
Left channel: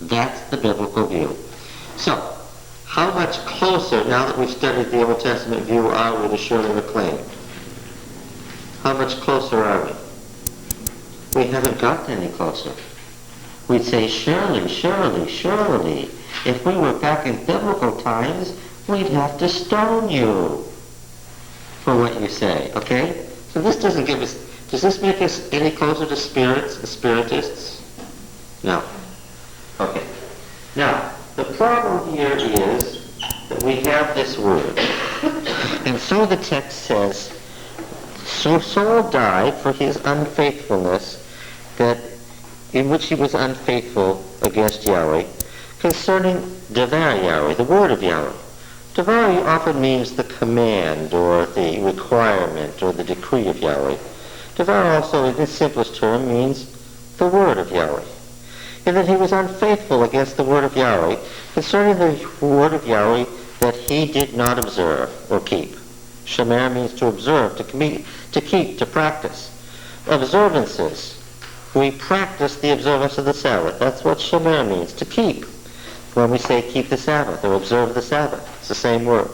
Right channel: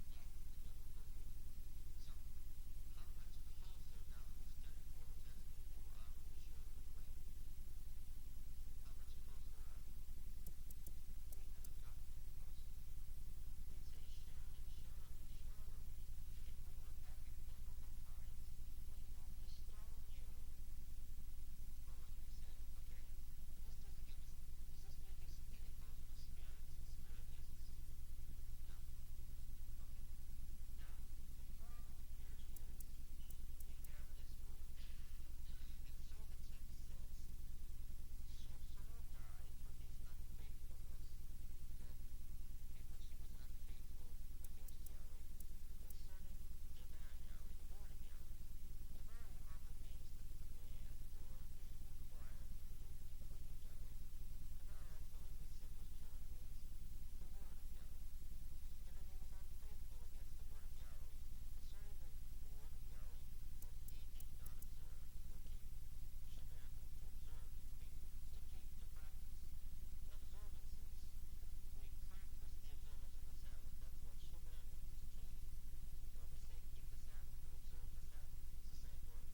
That's the biblical view. So, how much closer, now that we've studied the Old Testament view, are we to Shirley MacLaine? How much closer are we? We haven't gotten any closer. We'd say, surely, surely, surely, if we were back in biblical times, we'd have to stone you for what you say, okay? So this doesn't give us, does this make us any closer to spirits, the spiritists? No. Okay. Now, the problem here is that we have this word. And so the text says, so Saul died for his unfaithfulness, that in which he was unfaithful against Yahweh, concerning Devar Yahweh, the word of Yahweh. Devar often means the command or the requirement or the decree of Yahweh. Devar also, in its simplest term, means the word of Yahweh. And that he was unfaithful against the word of Yahweh, concerning the word of Yahweh that he did not observe or keep. Shemer means to observe, to keep, to practice. Observances. We practice the observance of the Sabbath. That's what Shemer means, to keep. When we say keep the Sabbath or observe the Sabbath, it's the same word.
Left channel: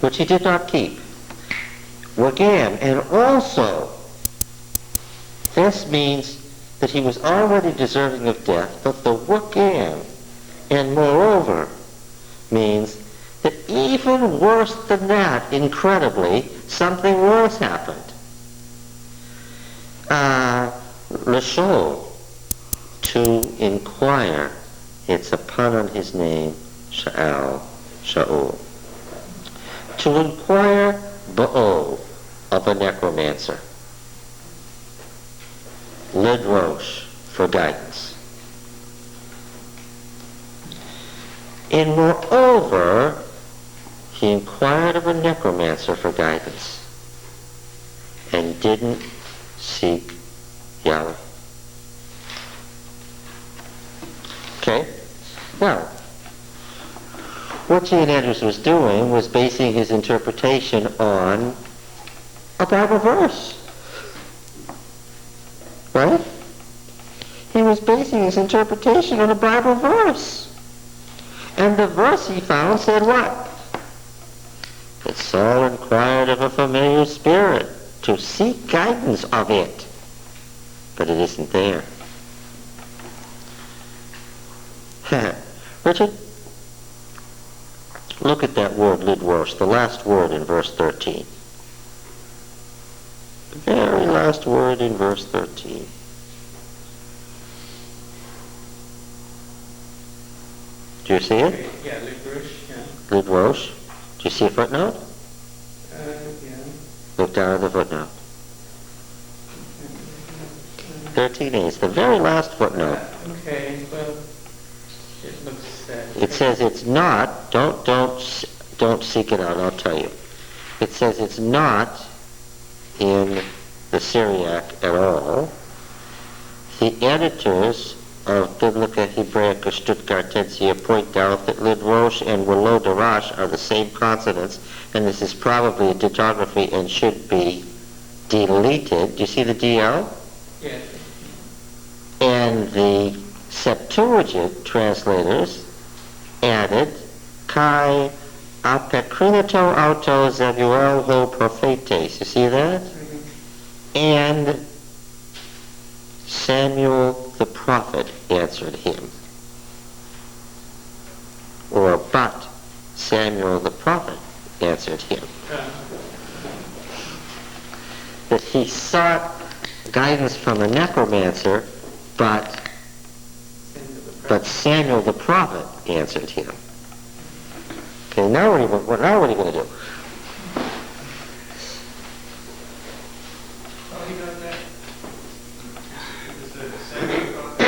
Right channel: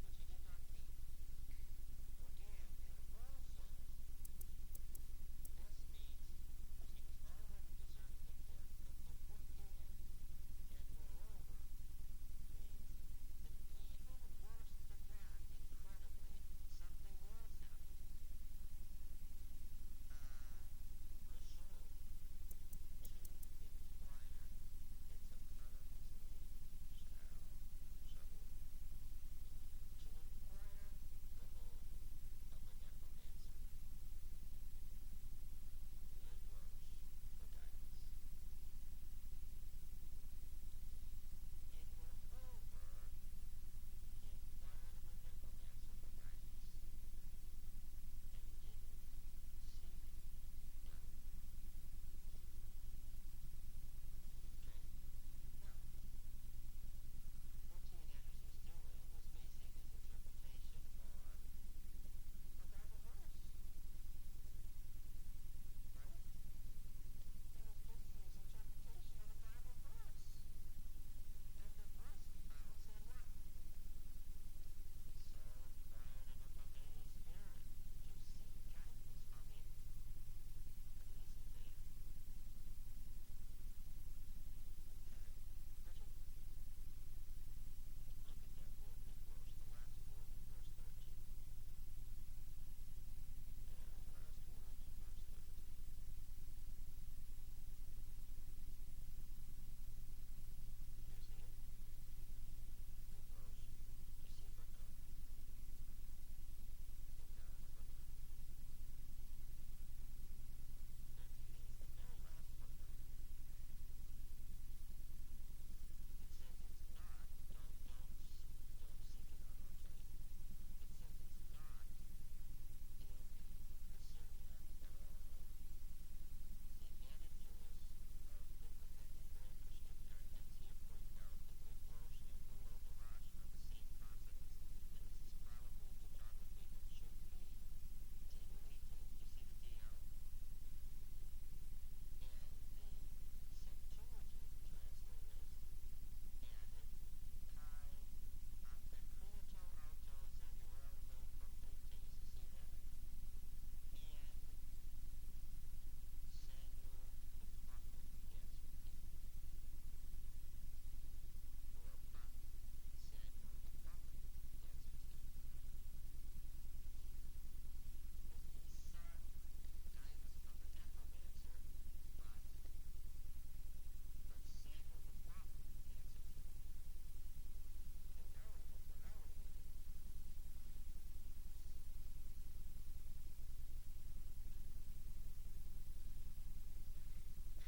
Which he did not keep. Wagam, and also, this means that he was already deserving of death, but the wagam, and moreover, means that even worse than that, incredibly, something worse happened. L'shol, to inquire. It's a pun on his name, Shaul. To inquire ba'ov, of a necromancer. Lidrosh, for guidance. And moreover, he inquired of a necromancer for guidance and didn't seek Yahweh. Okay? Now, what G. N. Andrews was doing was basing his interpretation on a Bible verse. Right? He was basing his interpretation on a Bible verse. And the verse he found said what? That Saul inquired of a familiar spirit to seek guidance of it. But it isn't there. Richard, look at that word, lidrosh, the last word in verse 13. The very last word in verse 13. Do you see it? Yeah, lidrosh, yeah. Lidrosh. Do you see a footnote? Yeah. Look down at the footnote. 13a. It's the very last footnote. Okay, well, it looks sad. It says it's not. Don't seek it out. I'll tell you. It says it's not in the Syriac at all. The editors of Biblica Hebraica Stuttgartensia point out that lidrosh and wolodarash are the same consonants, and this is probably a digraphy and should be deleted. Do you see the DL? Yes. And the Septuagint translators added kai apekrinato auto Zebuel ho prophetes. You see that? Mm-hmm. And Samuel the prophet answered him. Or but Samuel the prophet answered him. That he sought guidance from a necromancer, but Samuel the prophet answered him. Okay, now what are you going to do? Oh, you got that? Is the Samuel prophet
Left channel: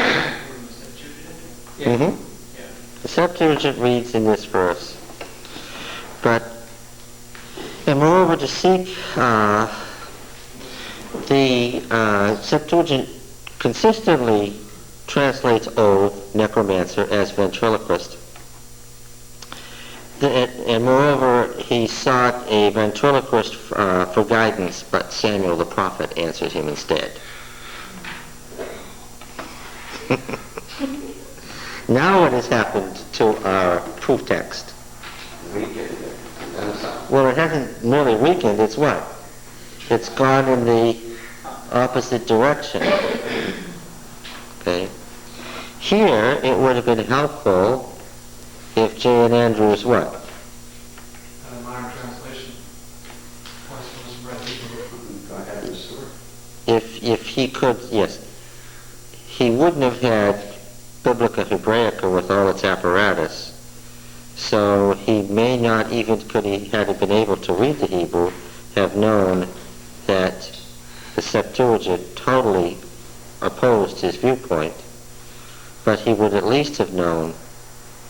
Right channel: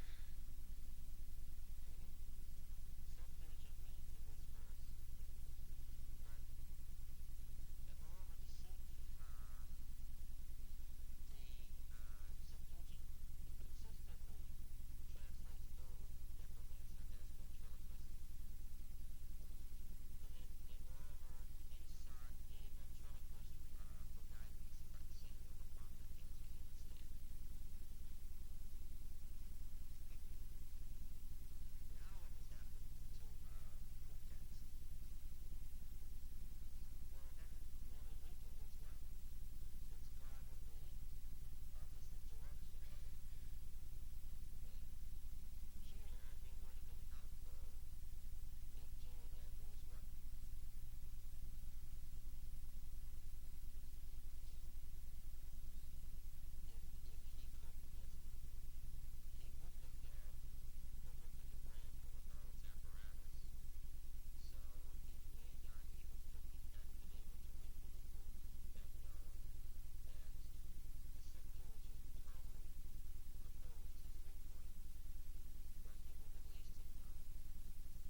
from the Septuagint? Yeah. Mm-hmm. Yeah. The Septuagint reads in this verse, and moreover to seek, the Septuagint consistently translates oath, necromancer, as ventriloquist. And moreover, he sought a ventriloquist for guidance, but Samuel the prophet answered him instead. Now what has happened to our proof text? Well, it hasn't merely weakened, it's what? It's gone in the opposite direction. Okay? Here, it would have been helpful if J. and Andrews what? Modern translation. Was read Hebrew. Go ahead, Mr. Stewart. If he could, yes. He wouldn't have had Biblica Hebraica with all its apparatus, so he may not even, could he had been able to read the Hebrew, have known that the Septuagint totally opposed his viewpoint, but he would at least have known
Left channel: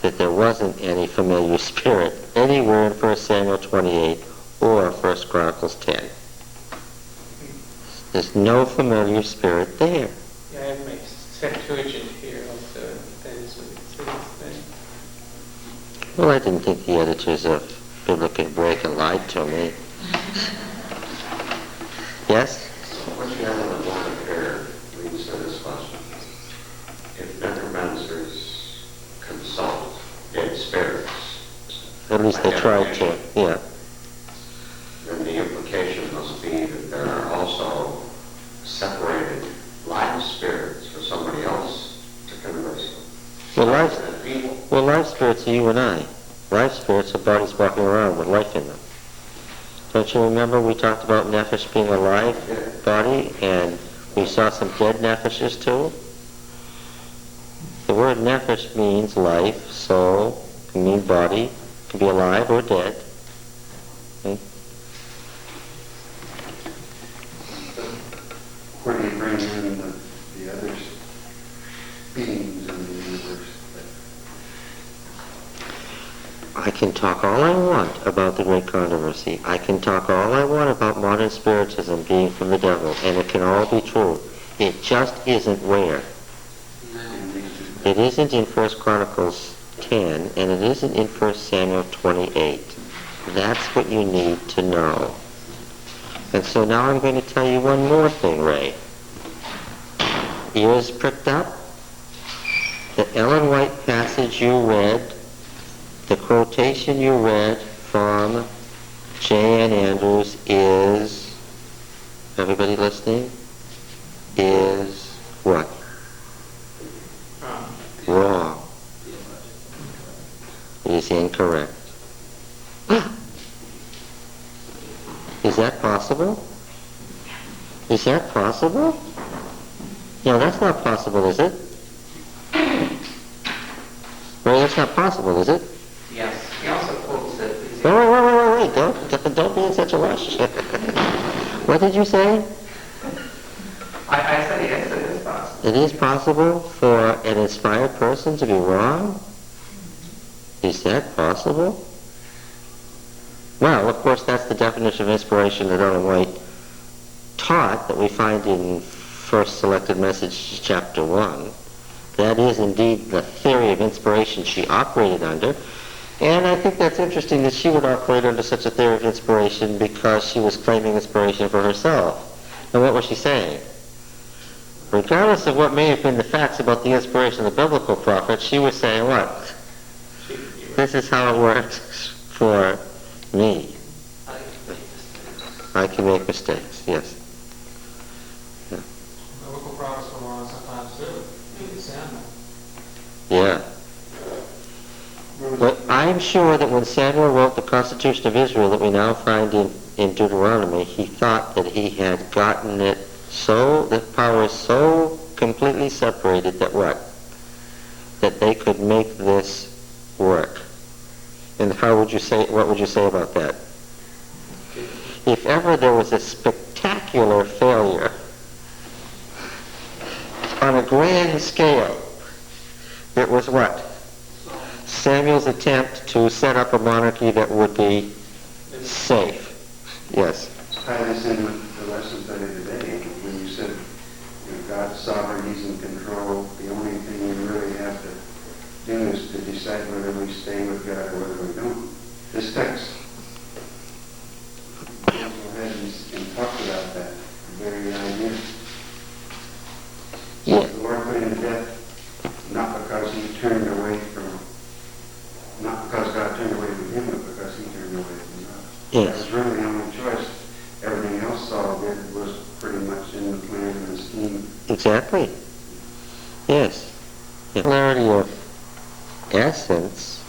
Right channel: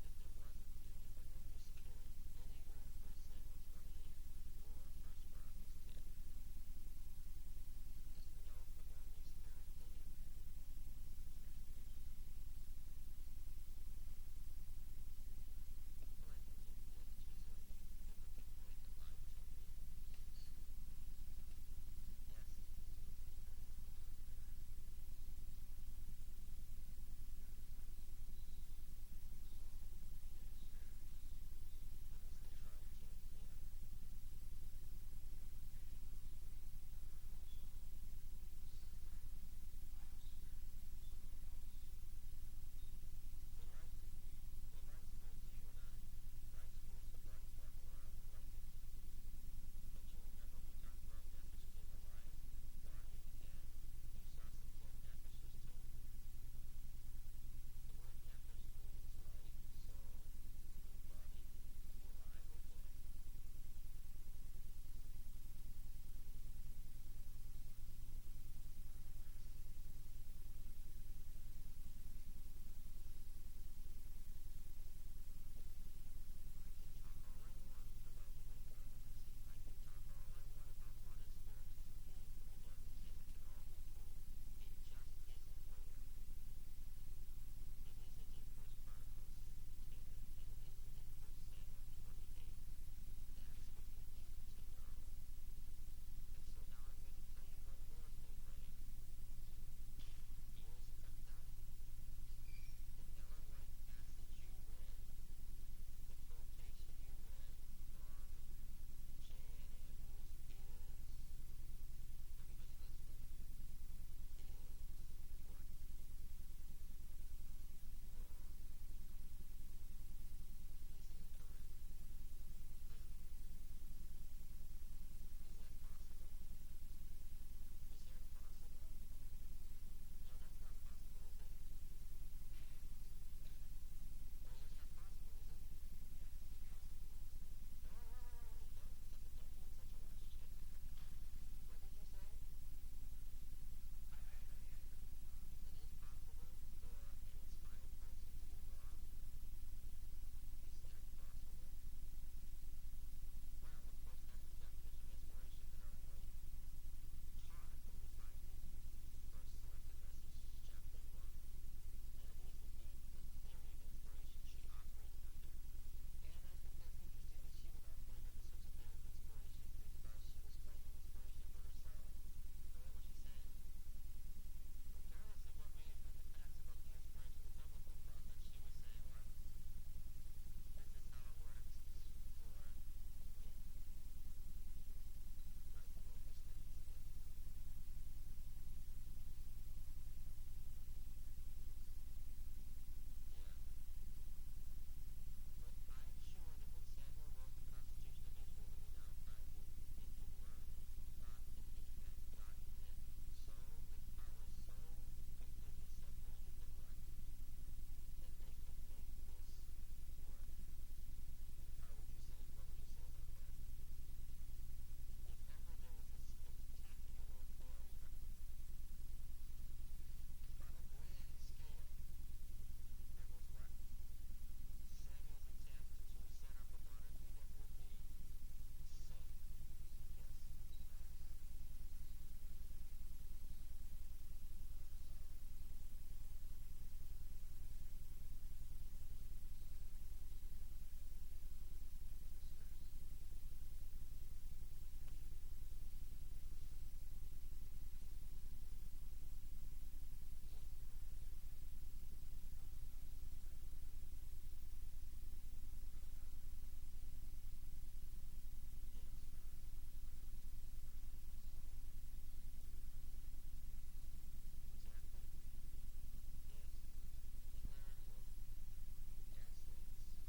that there wasn't any familiar spirit anywhere in 1 Samuel 28 or 1 Chronicles 10. There's no familiar spirit there. Yeah, I have my Septuagint here also. That is what it says there. Well, I didn't think the editors of Biblica Hebraica lied to me. Yes? What you have in the board of prayer leads to this question. If necromancers consult dead spirits, At least they tried to, yeah. then the implication must be that there are also separated live spirits for somebody else to converse with. Well, live spirits are you and I. Live spirits are bodies walking around with life in them. Don't you remember we talked about nephesh being a live body, and we saw some dead nephishes too? The word nephesh means life, soul, can mean body, can be alive or dead. Okay? Where do you bring in the other beings in the universe? I can talk all I want about the great controversy. I can talk all I want about modern spiritism being from the devil, and it can all be true. It just isn't where. It isn't in 1 Chronicles 10, and it isn't in 1 Samuel 28. That's what you need to know. And so now I'm going to tell you one more thing, Ray. Ears pricked up? The Ellen White passage you read, the quotation you read from J. N. Andrews is, everybody listening, is what? Wrong. It is incorrect. Is that possible? Is that possible? No, that's not possible, is it? Well, that's not possible, is it? Yes, he also quotes that. Wait, don't be in such a rush. What did you say? I said yes, it is possible. It is possible for an inspired person to be wrong? Is that possible? Well, of course, that's the definition of inspiration that Ellen White taught, that we find in First Selected Message, Chapter 1. That is indeed the theory of inspiration she operated under. And I think that's interesting that she would operate under such a theory of inspiration because she was claiming inspiration for herself. And what was she saying? Regardless of what may have been the facts about the inspiration of the biblical prophet, she was saying what? This is how it works for me. I can make mistakes, yes. Yeah. Biblical prophets were wrong sometimes too. You can stand them. Yeah. But I'm sure that when Samuel wrote the Constitution of Israel that we now find in Deuteronomy, he thought that he had gotten it so, the power is so completely separated that what? That they could make this work. And how would you say, what would you say about that? If ever there was a spectacular failure on a grand scale, it was what? Samuel's attempt to set up a monarchy that would be safe. Yes. Tie this in with the lesson study today, when you said, God's sovereign, He's in control. The only thing we really have to do is to decide whether we stay with God or whether we don't. This text goes ahead and talks about that very idea. Yeah. The Lord put him to death, not because he turned away from, not because God turned away from him, but because he turned away from God. Yes. That was really the only choice. Everything else Saul did was pretty much in the plan and the scheme. Exactly. Yes. Similarity of essence,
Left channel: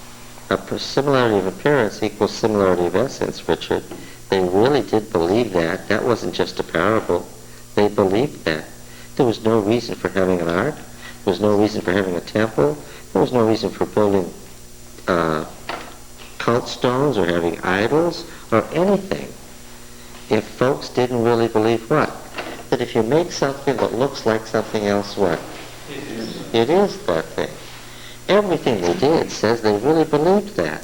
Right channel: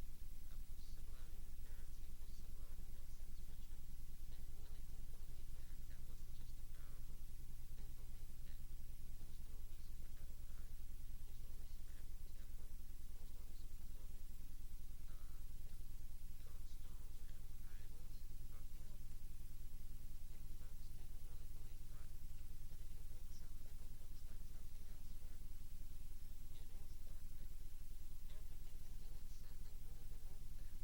similarity of appearance equals similarity of essence, Richard. They really did believe that. That wasn't just a parable. They believed that. There was no reason for having an ark. There was no reason for having a temple. There was no reason for building cult stones or having idols or anything. If folks didn't really believe what? That if you make something that looks like something else, what? It is that thing. Everything they did says they really believed that.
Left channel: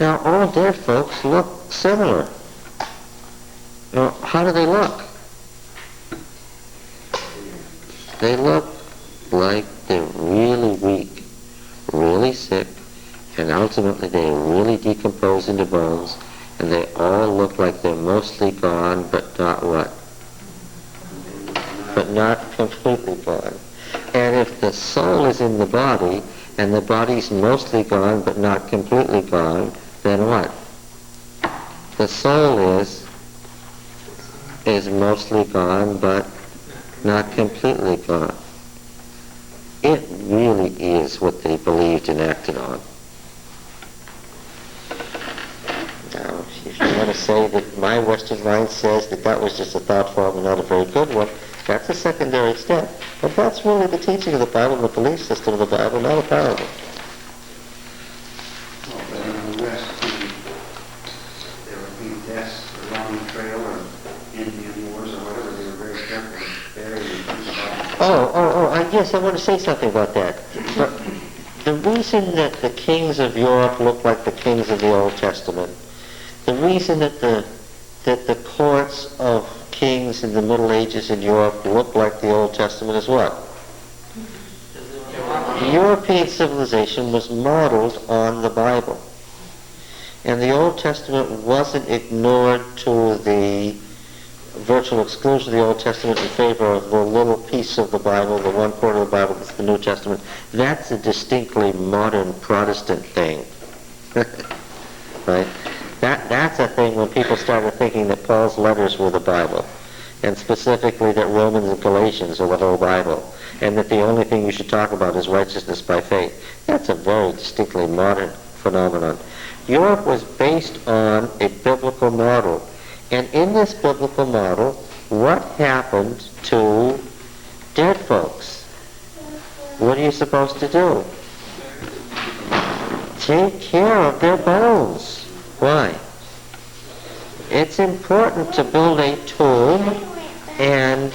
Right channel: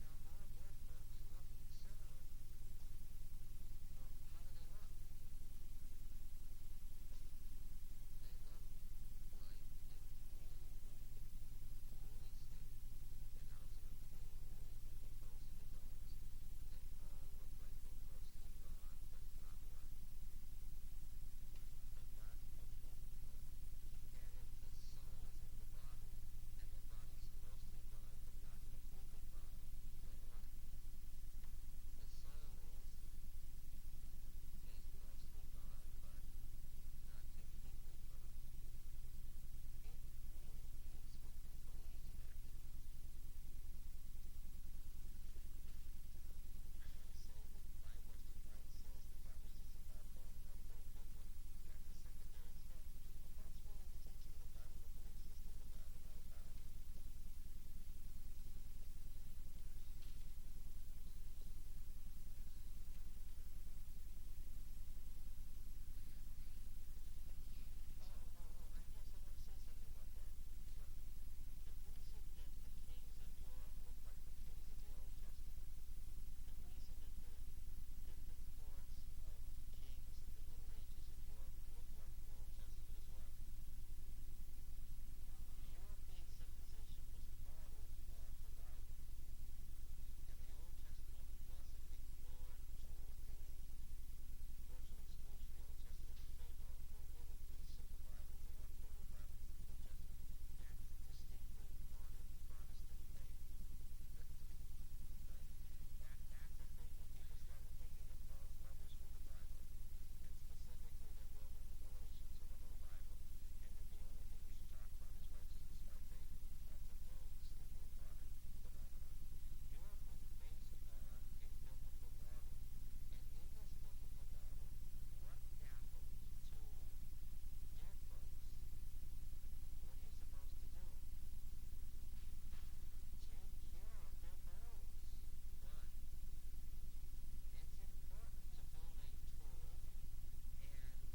Now, all dead folks look similar. Now, how do they look? They look like they're really weak, really sick, and ultimately they really decompose into bones, and they all look like they're mostly gone, but not what? But not completely gone. And if the soul is in the body, and the body's mostly gone, but not completely gone, then what? The soul is mostly gone, but not completely gone. It really is what they believed and acted on. Now, if you want to say that my Western mind says that that was just a thought form and not a very good one, that's a secondary step. But that's really the teaching of the Bible, the belief system of the Bible, not a parable. Well, but in the West, there would be deaths along the trail or Indian wars or whatever. They were very careful to bury and Yes, I want to say something about that. But the reason that the kings of Europe look like the kings of the Old Testament, the reason that the courts of kings in the Middle Ages in Europe look like the Old Testament is what? European civilization was modeled on the Bible. And the Old Testament wasn't ignored to the virtual exclusion of the Old Testament in favor of the little piece of the Bible, the one quarter of the Bible that's the New Testament. That's a distinctly modern Protestant thing. Right? That's a thing when people started thinking that Paul's letters were the Bible, and specifically that Romans and Galatians are the whole Bible, and that the only thing you should talk about is righteousness by faith. That's a very distinctly modern phenomenon. Europe was based on a biblical model, and in this biblical model, what happened to dead folks? What are you supposed to do? Take care of their bones. Why? It's important to build a tomb and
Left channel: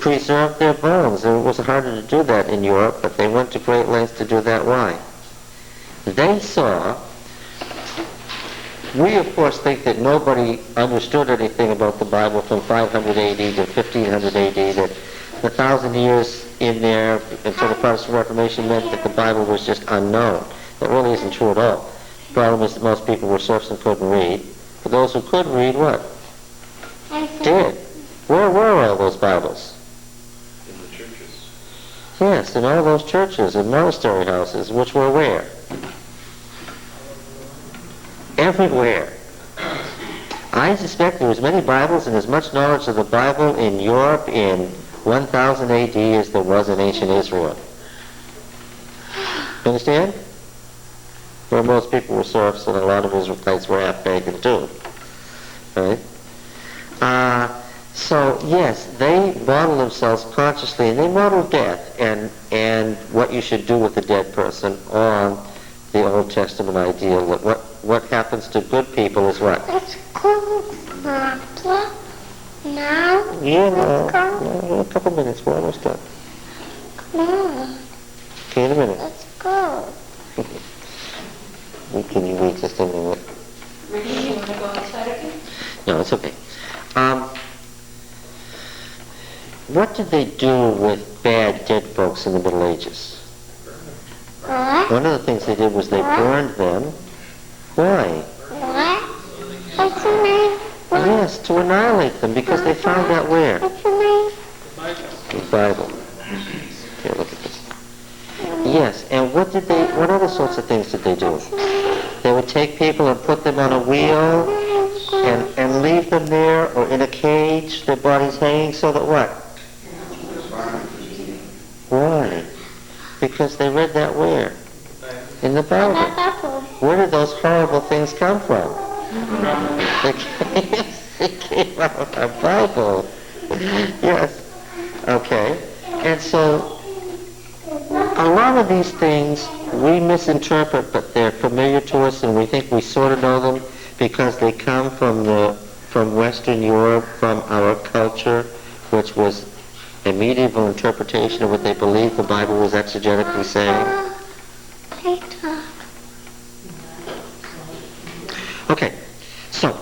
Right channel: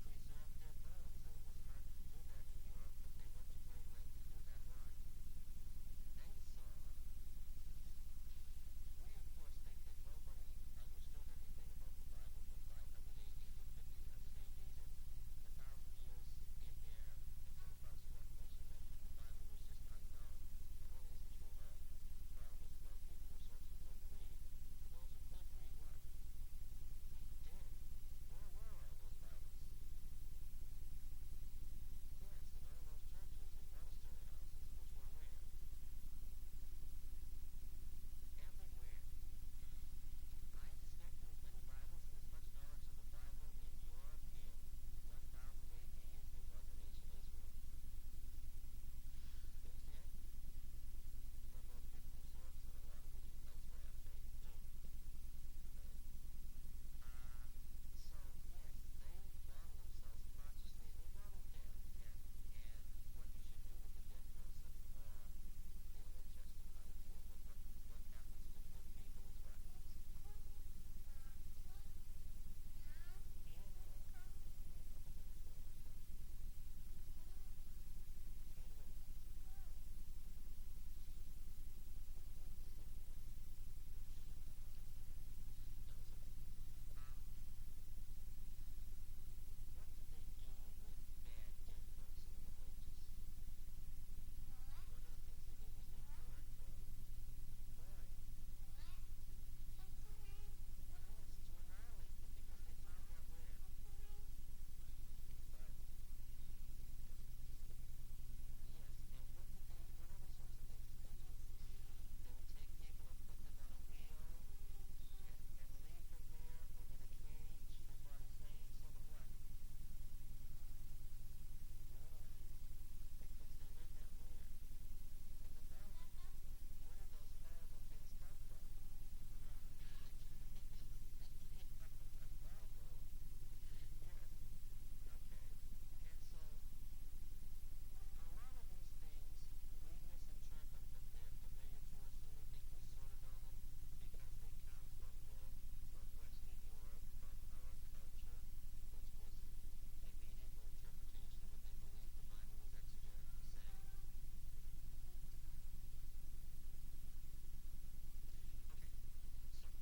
preserve their bones. And it was harder to do that in Europe, but they went to great lengths to do that. Why? They saw, we of course think that nobody understood anything about the Bible from 500 AD to 1500 AD, that the 1,000 years in there until the Protestant Reformation meant that the Bible was just unknown. That really isn't true at all. The problem is that most people were serfs and couldn't read. For those who could read, what? Did. Where were all those Bibles? In the churches. Yes, in all those churches and monastery houses, which were where? Everywhere. I suspect there was many Bibles and as much knowledge of the Bible in Europe in 1000 AD as there was in ancient Israel. You understand? Where most people were serfs and a lot of Israelites were half-pagan too. Right? So, yes, they model themselves consciously, and they model death and what you should do with a dead person on the Old Testament ideal that what happens to good people is what? Let's go, Papa. Now? Yeah, Let's go. no, a couple minutes, we're almost done. Come on. Okay, in a minute. Let's go. Can you wait just a minute? Ricky, you want to go outside again? No, it's okay. What did they do with bad dead folks in the Middle Ages? What? One of the things they did was they burned them. Why? What? What's your name? Yes, to annihilate them, because they found out where? What's your name? The Bible. Here, look at this. Yes, and what other sorts of things did they do? They would take people and put them on a wheel and leave them there or in a cage, their bodies hanging, so that what? Why? Because they read that where? In the Bible. Where did those horrible things come from? They came out of the Bible. Yes. Okay. And so, a lot of these things we misinterpret, but they're familiar to us, and we think we sort of know them because they come from Western Europe, from our culture, which was a medieval interpretation of what they believed the Bible was exegetically saying. Okay, so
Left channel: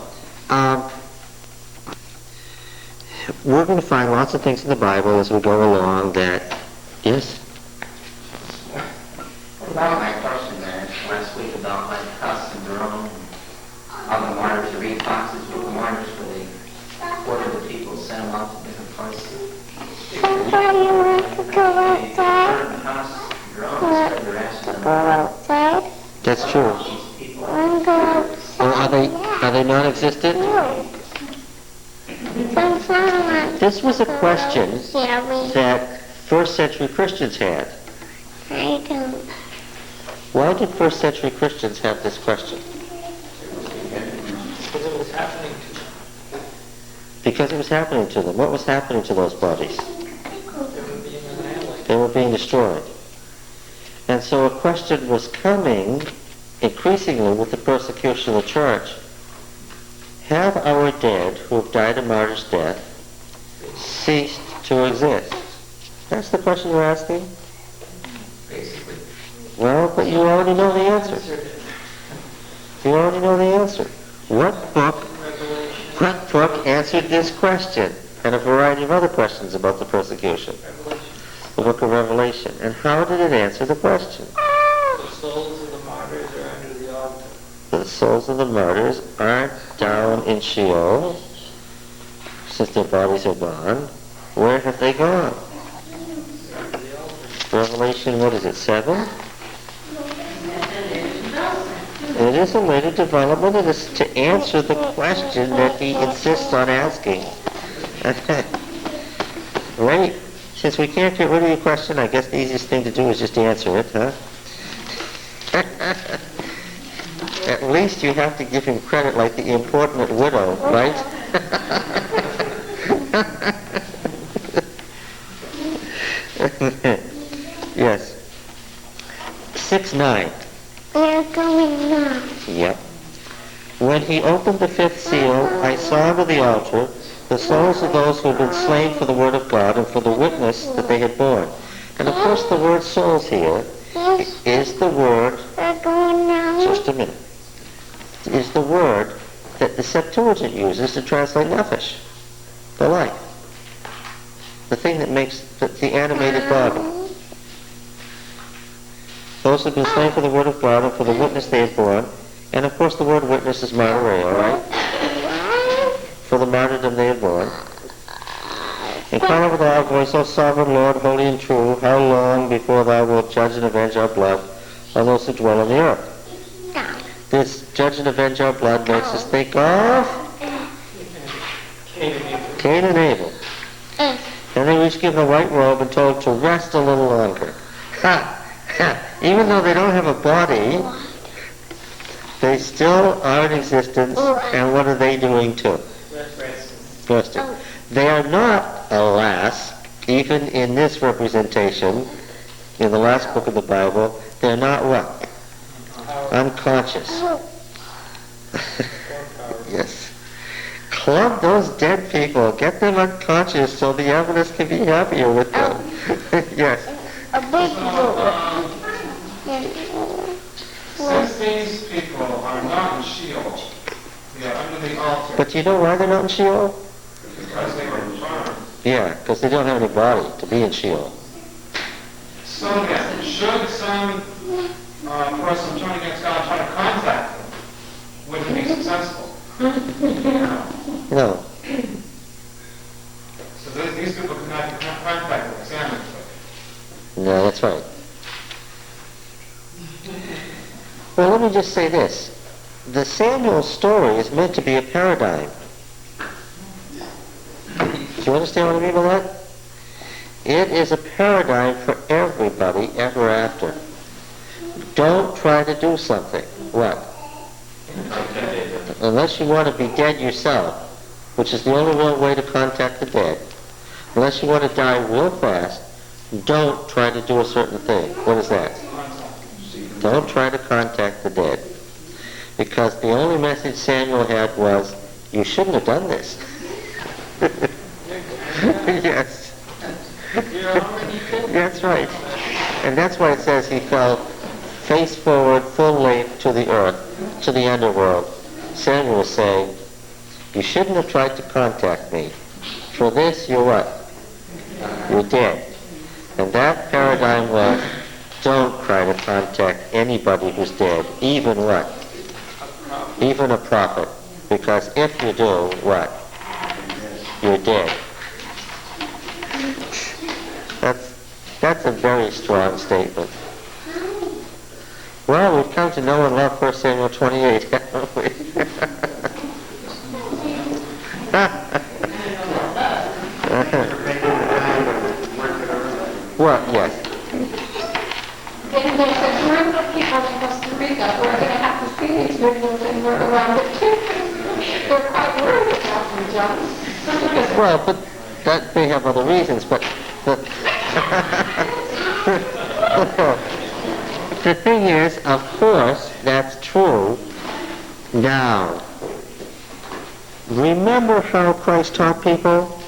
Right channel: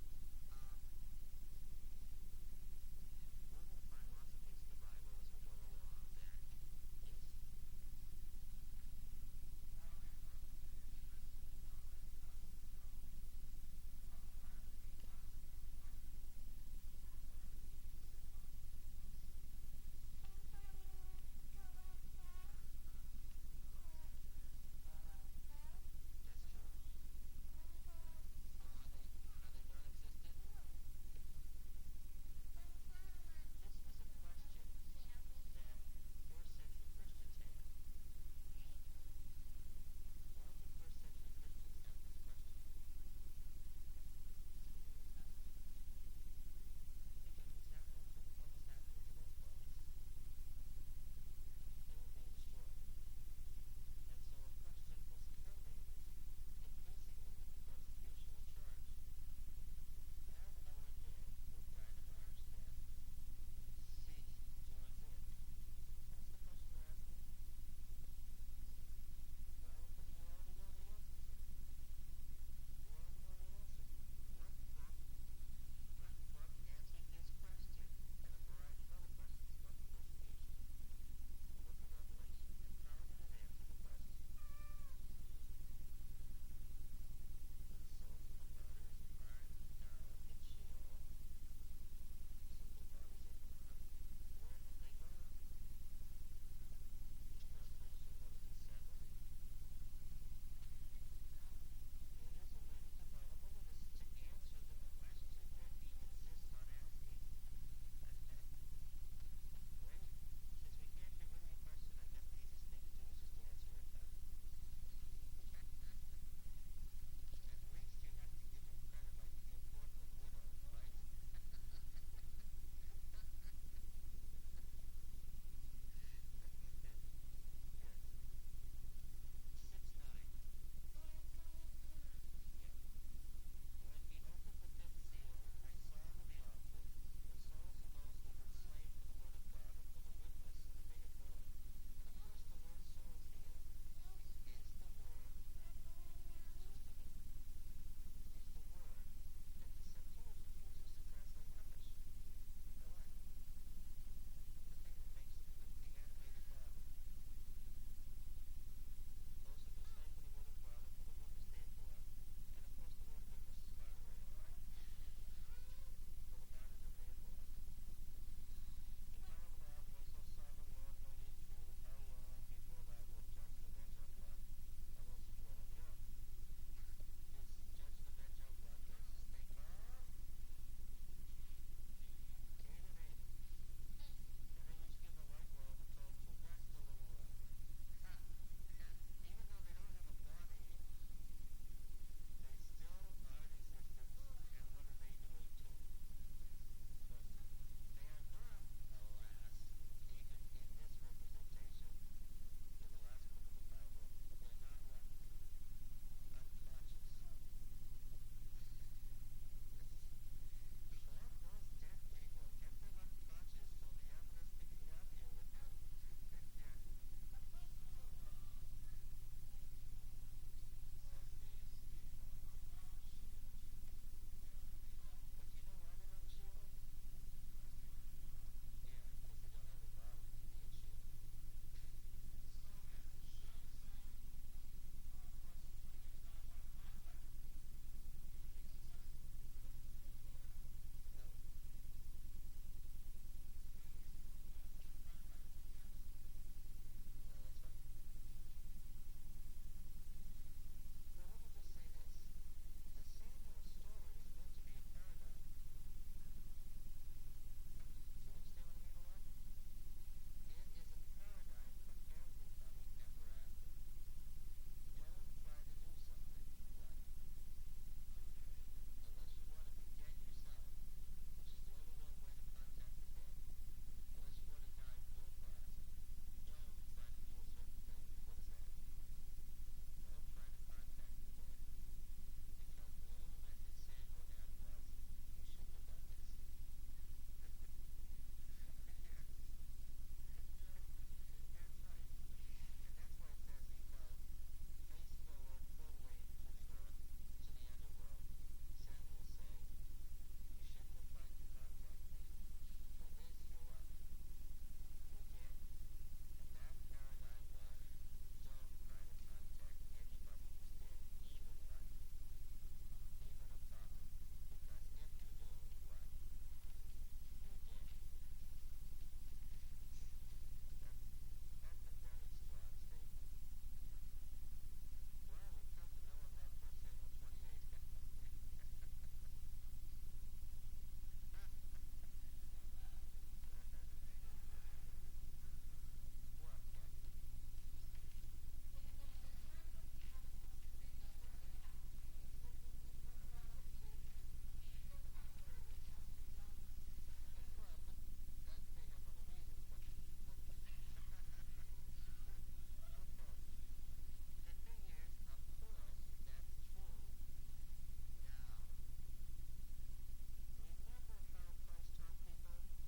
we're going to find lots of things in the Bible as we go along that, yes? About my question there last week about like Huss and Jerome, all the martyrs, the reed boxes with the martyrs where they ordered the people, sent them off to different places. Somebody wants to go outside. Huss and Jerome said they're asking them Go outside. That's true. these people. Want to go outside? Well, are they non-existent? No. This was a question Yeah, that first century Christians had. I don't. Why did first century Christians have this question? Because it was happening to them. Because it was happening to them. What was happening to those bodies? They were being annihilated. They were being destroyed. And so a question was coming increasingly with the persecution of the church. Have our dead who have died a martyr's death ceased to exist? That's the question you're asking? Basically. Well, but you already know the answer. You already know the answer. What book answered this question? And a variety of other questions about the persecution. The book of Revelation. And how did it answer the question? The souls of the martyrs are under the altar. The souls of the martyrs aren't down in Sheol, since their bodies are gone. Where have they gone? Revelation, what is it, 7? It is a later development. It is to answer the question that he insists on asking. Right? Since we can't get rid of your question, I guess the easiest thing to do is just answer it, huh? At least you have to give him credit like the importunate widow, right? Yes. 6:9. We're going now. Yep. When he opened the fifth seal, I saw under the altar the souls of those who had been slain for the word of God and for the witness that they had borne. And of course the word souls here is the word, We're going now. just a minute, is the word that the Septuagint uses to translate nephesh, the life. The thing that makes the animated body. Those who have been slain for the word of God and for the witness they had borne. And of course the word witness is martyr, all right? For the martyrdom they had borne. And cry out with a loud voice, O sovereign Lord, holy and true, how long before thou wilt judge and avenge our blood on those who dwell on the earth? This judge and avenge our blood makes us think of Cain and Abel. And they were each given a white robe and told to rest a little longer. Ha! Ha! Even though they don't have a body, they still are in existence, and what are they doing too? Resting. They are not, alas, even in this representation, in the last book of the Bible, they're not what? Unconscious. Yes. Club those dead people, get them unconscious so the evidence can be happier with them. Yes. A big book. Since these people are not in Sheol, they are under the altar But you know why they're not in Sheol? because they were burned. Yeah, because they don't have any body to be in Sheol. So then, should some person turn against God try to contact them, would he be successful? No. So these people could not contact them, examine them. No, that's right. Well, let me just say this. The Samuel story is meant to be a paradigm. Do you understand what I mean by that? It is a paradigm for everybody ever after. Don't try to do something. What? Unless you want to be dead yourself, which is the only real way to contact the dead. Unless you want to die real fast, don't try to do a certain thing. What is that? Don't try to contact the dead. Because the only message Samuel had was, you shouldn't have done this. Yes. That's right. And that's why it says he fell face forward, full length to the earth, to the underworld. Samuel was saying, you shouldn't have tried to contact me. For this, you're what? You're dead. And that paradigm was, don't try to contact anybody who's dead, even what? Even a prophet. Because if you do, what? You're dead. That's a very strong statement. Well, we've come to know and love 1 Samuel 28, haven't we? What? Yes. Then there's a group of people in Costa Rica who are going to have to see these videos and work around it too. They're quite worried about them, John. Well, but that may have other reasons, but the thing is, of course, that's true. Now, remember how Christ taught people?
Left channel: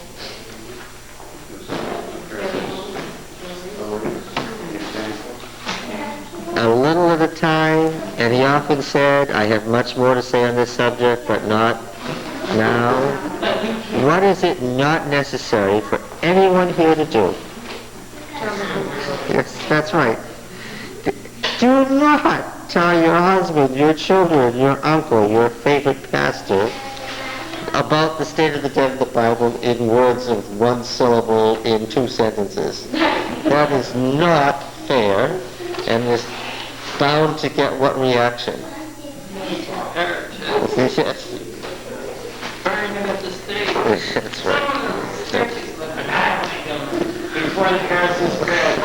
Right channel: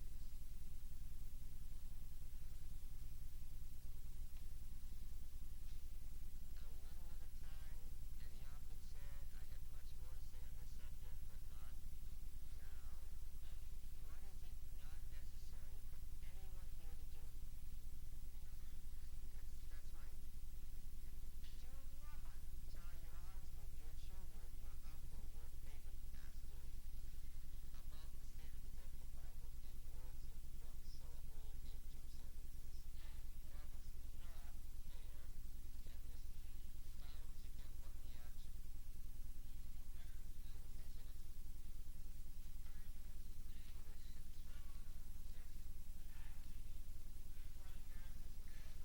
A little at a time, and he often said, I have much more to say on this subject, but not now. What is it not necessary for anyone here to do? Yes, that's right. Do not tell your husband, your children, your uncle, your favorite pastor about the state of the dead of the Bible in words of one syllable in 2 sentences. That is not fair, and is bound to get what reaction? Yes. Burn him at the stake. That's right. Before the curse is spread.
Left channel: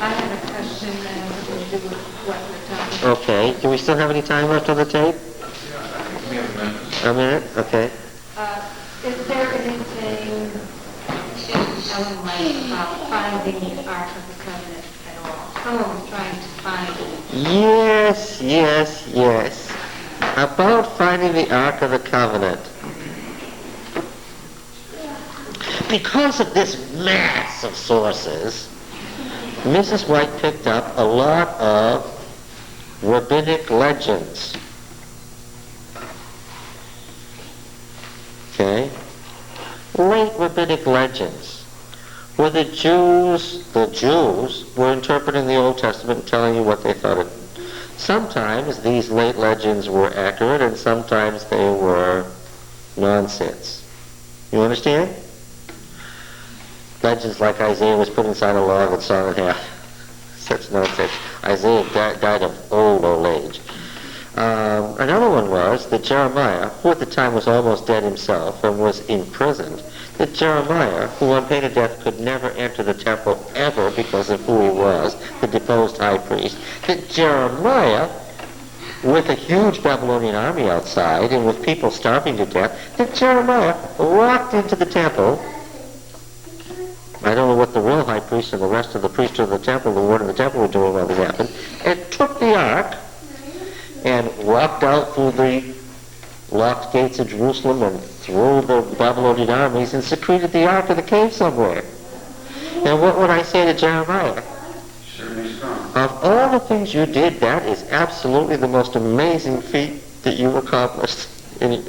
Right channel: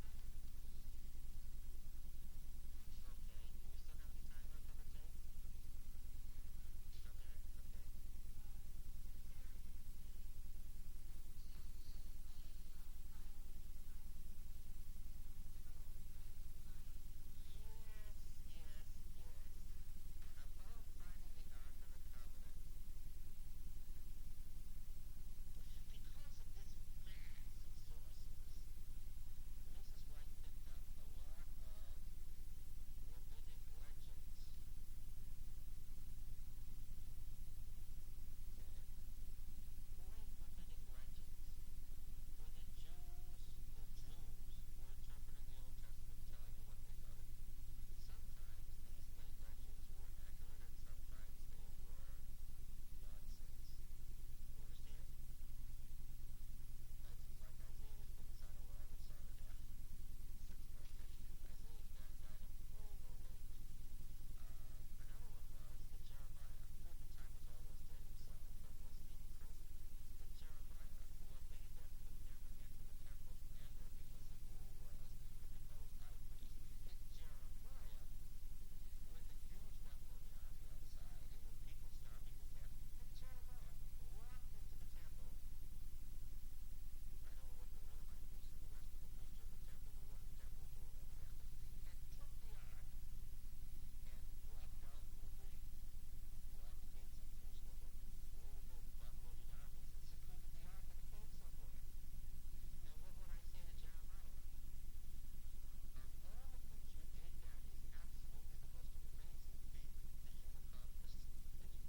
I have a question that has to do with what we're talking about. Okay. Do we still have any time left on the tape? A minute? Okay. Is there anything in Ellen White about finding the Ark of the Covenant at all? Someone was trying to find it. Yes, yes, yes. About finding the Ark of the Covenant. Because of this mass of sources, Mrs. White picked up a lot of rabbinic legends. Okay? Late rabbinic legends, where the Jews were interpreting the Old Testament and telling you what they thought it. Sometimes these late legends were accurate, and sometimes they were nonsense. You understand? Legends like Isaiah was put inside a log and sawn in half. Such nonsense. Isaiah died of old age. Another one was that Jeremiah, who at the time was almost dead himself and was imprisoned, that Jeremiah, who on pain of death could never enter the temple ever because of who he was, the deposed high priest, that Jeremiah, with a huge Babylonian army outside and with people starving to death, that Jeremiah walked into the temple. I don't know what the real high priest and the rest of the priesthood of the temple, the ward of the temple, were doing while this happened, and took the ark and walked out through the locked gates of Jerusalem and through the Babylonian armies and secreted the ark in the cave somewhere. And what would I say to Jeremiah? certainly strong. Of all the things you did, that is absolutely the most amazing feat that you accomplished in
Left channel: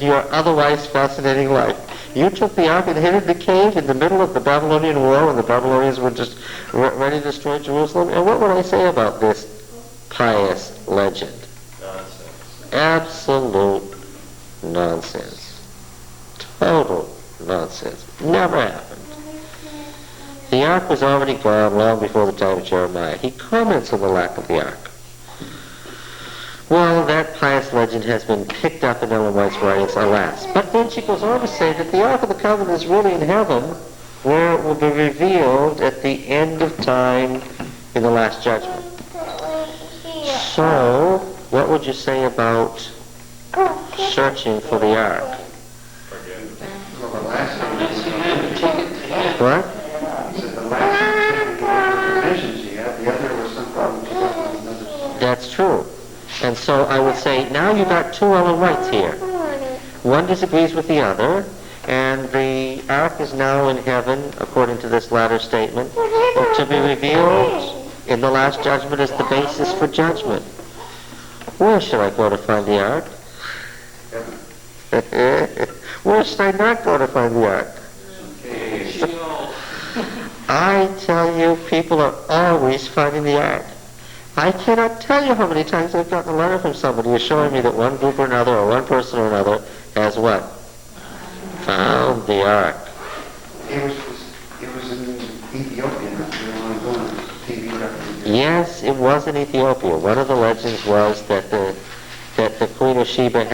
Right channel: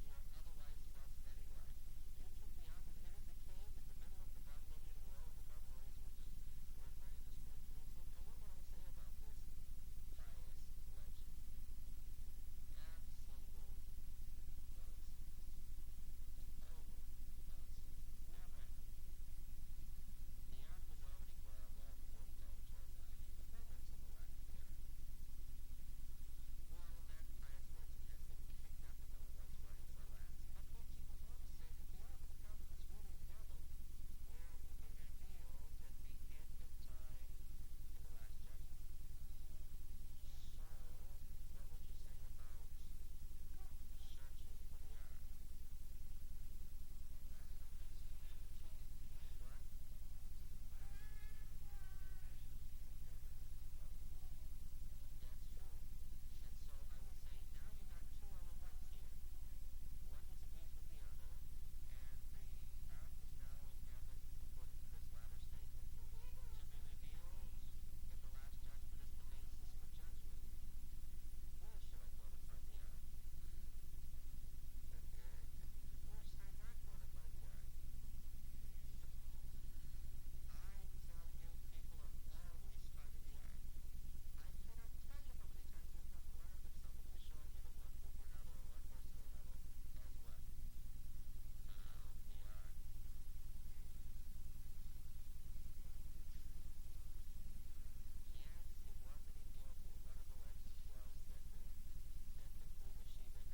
your otherwise fascinating life. You took the ark and hid it in the cave in the middle of the Babylonian War when the Babylonians were just ready to destroy Jerusalem. And what would I say about this pious legend? Nonsense. Absolute nonsense. Total nonsense. Never happened. The ark was already gone long before the time of Jeremiah. He comments on the lack of the ark. Well, that pious legend has been picked up in Ellen White's writings, alas. But then she goes on to say that the Ark of the Covenant is really in heaven, where it will be revealed at the end of time in the Last Judgment. So, what would you say about searching for the Ark? Well, the last thing What? he said the last thing the provisions he had, the other was some problems he got with another. That's true. And so I would say, now you've got two Ellen Whites here. One disagrees with the other, and the ark is now in heaven, according to this latter statement, to be revealed in the Last Judgment as the basis for judgment. Where should I go to find the ark? Where should I not go to find the ark? I tell you, people are always finding the ark. I cannot tell you how many times I've gotten a letter from somebody assuring me that one group or another, or one person or another, has what? Found the ark. It was in Ethiopia not very long ago on TV record. Yes, it was in Ethiopia. One of the legends was that the Queen of Sheba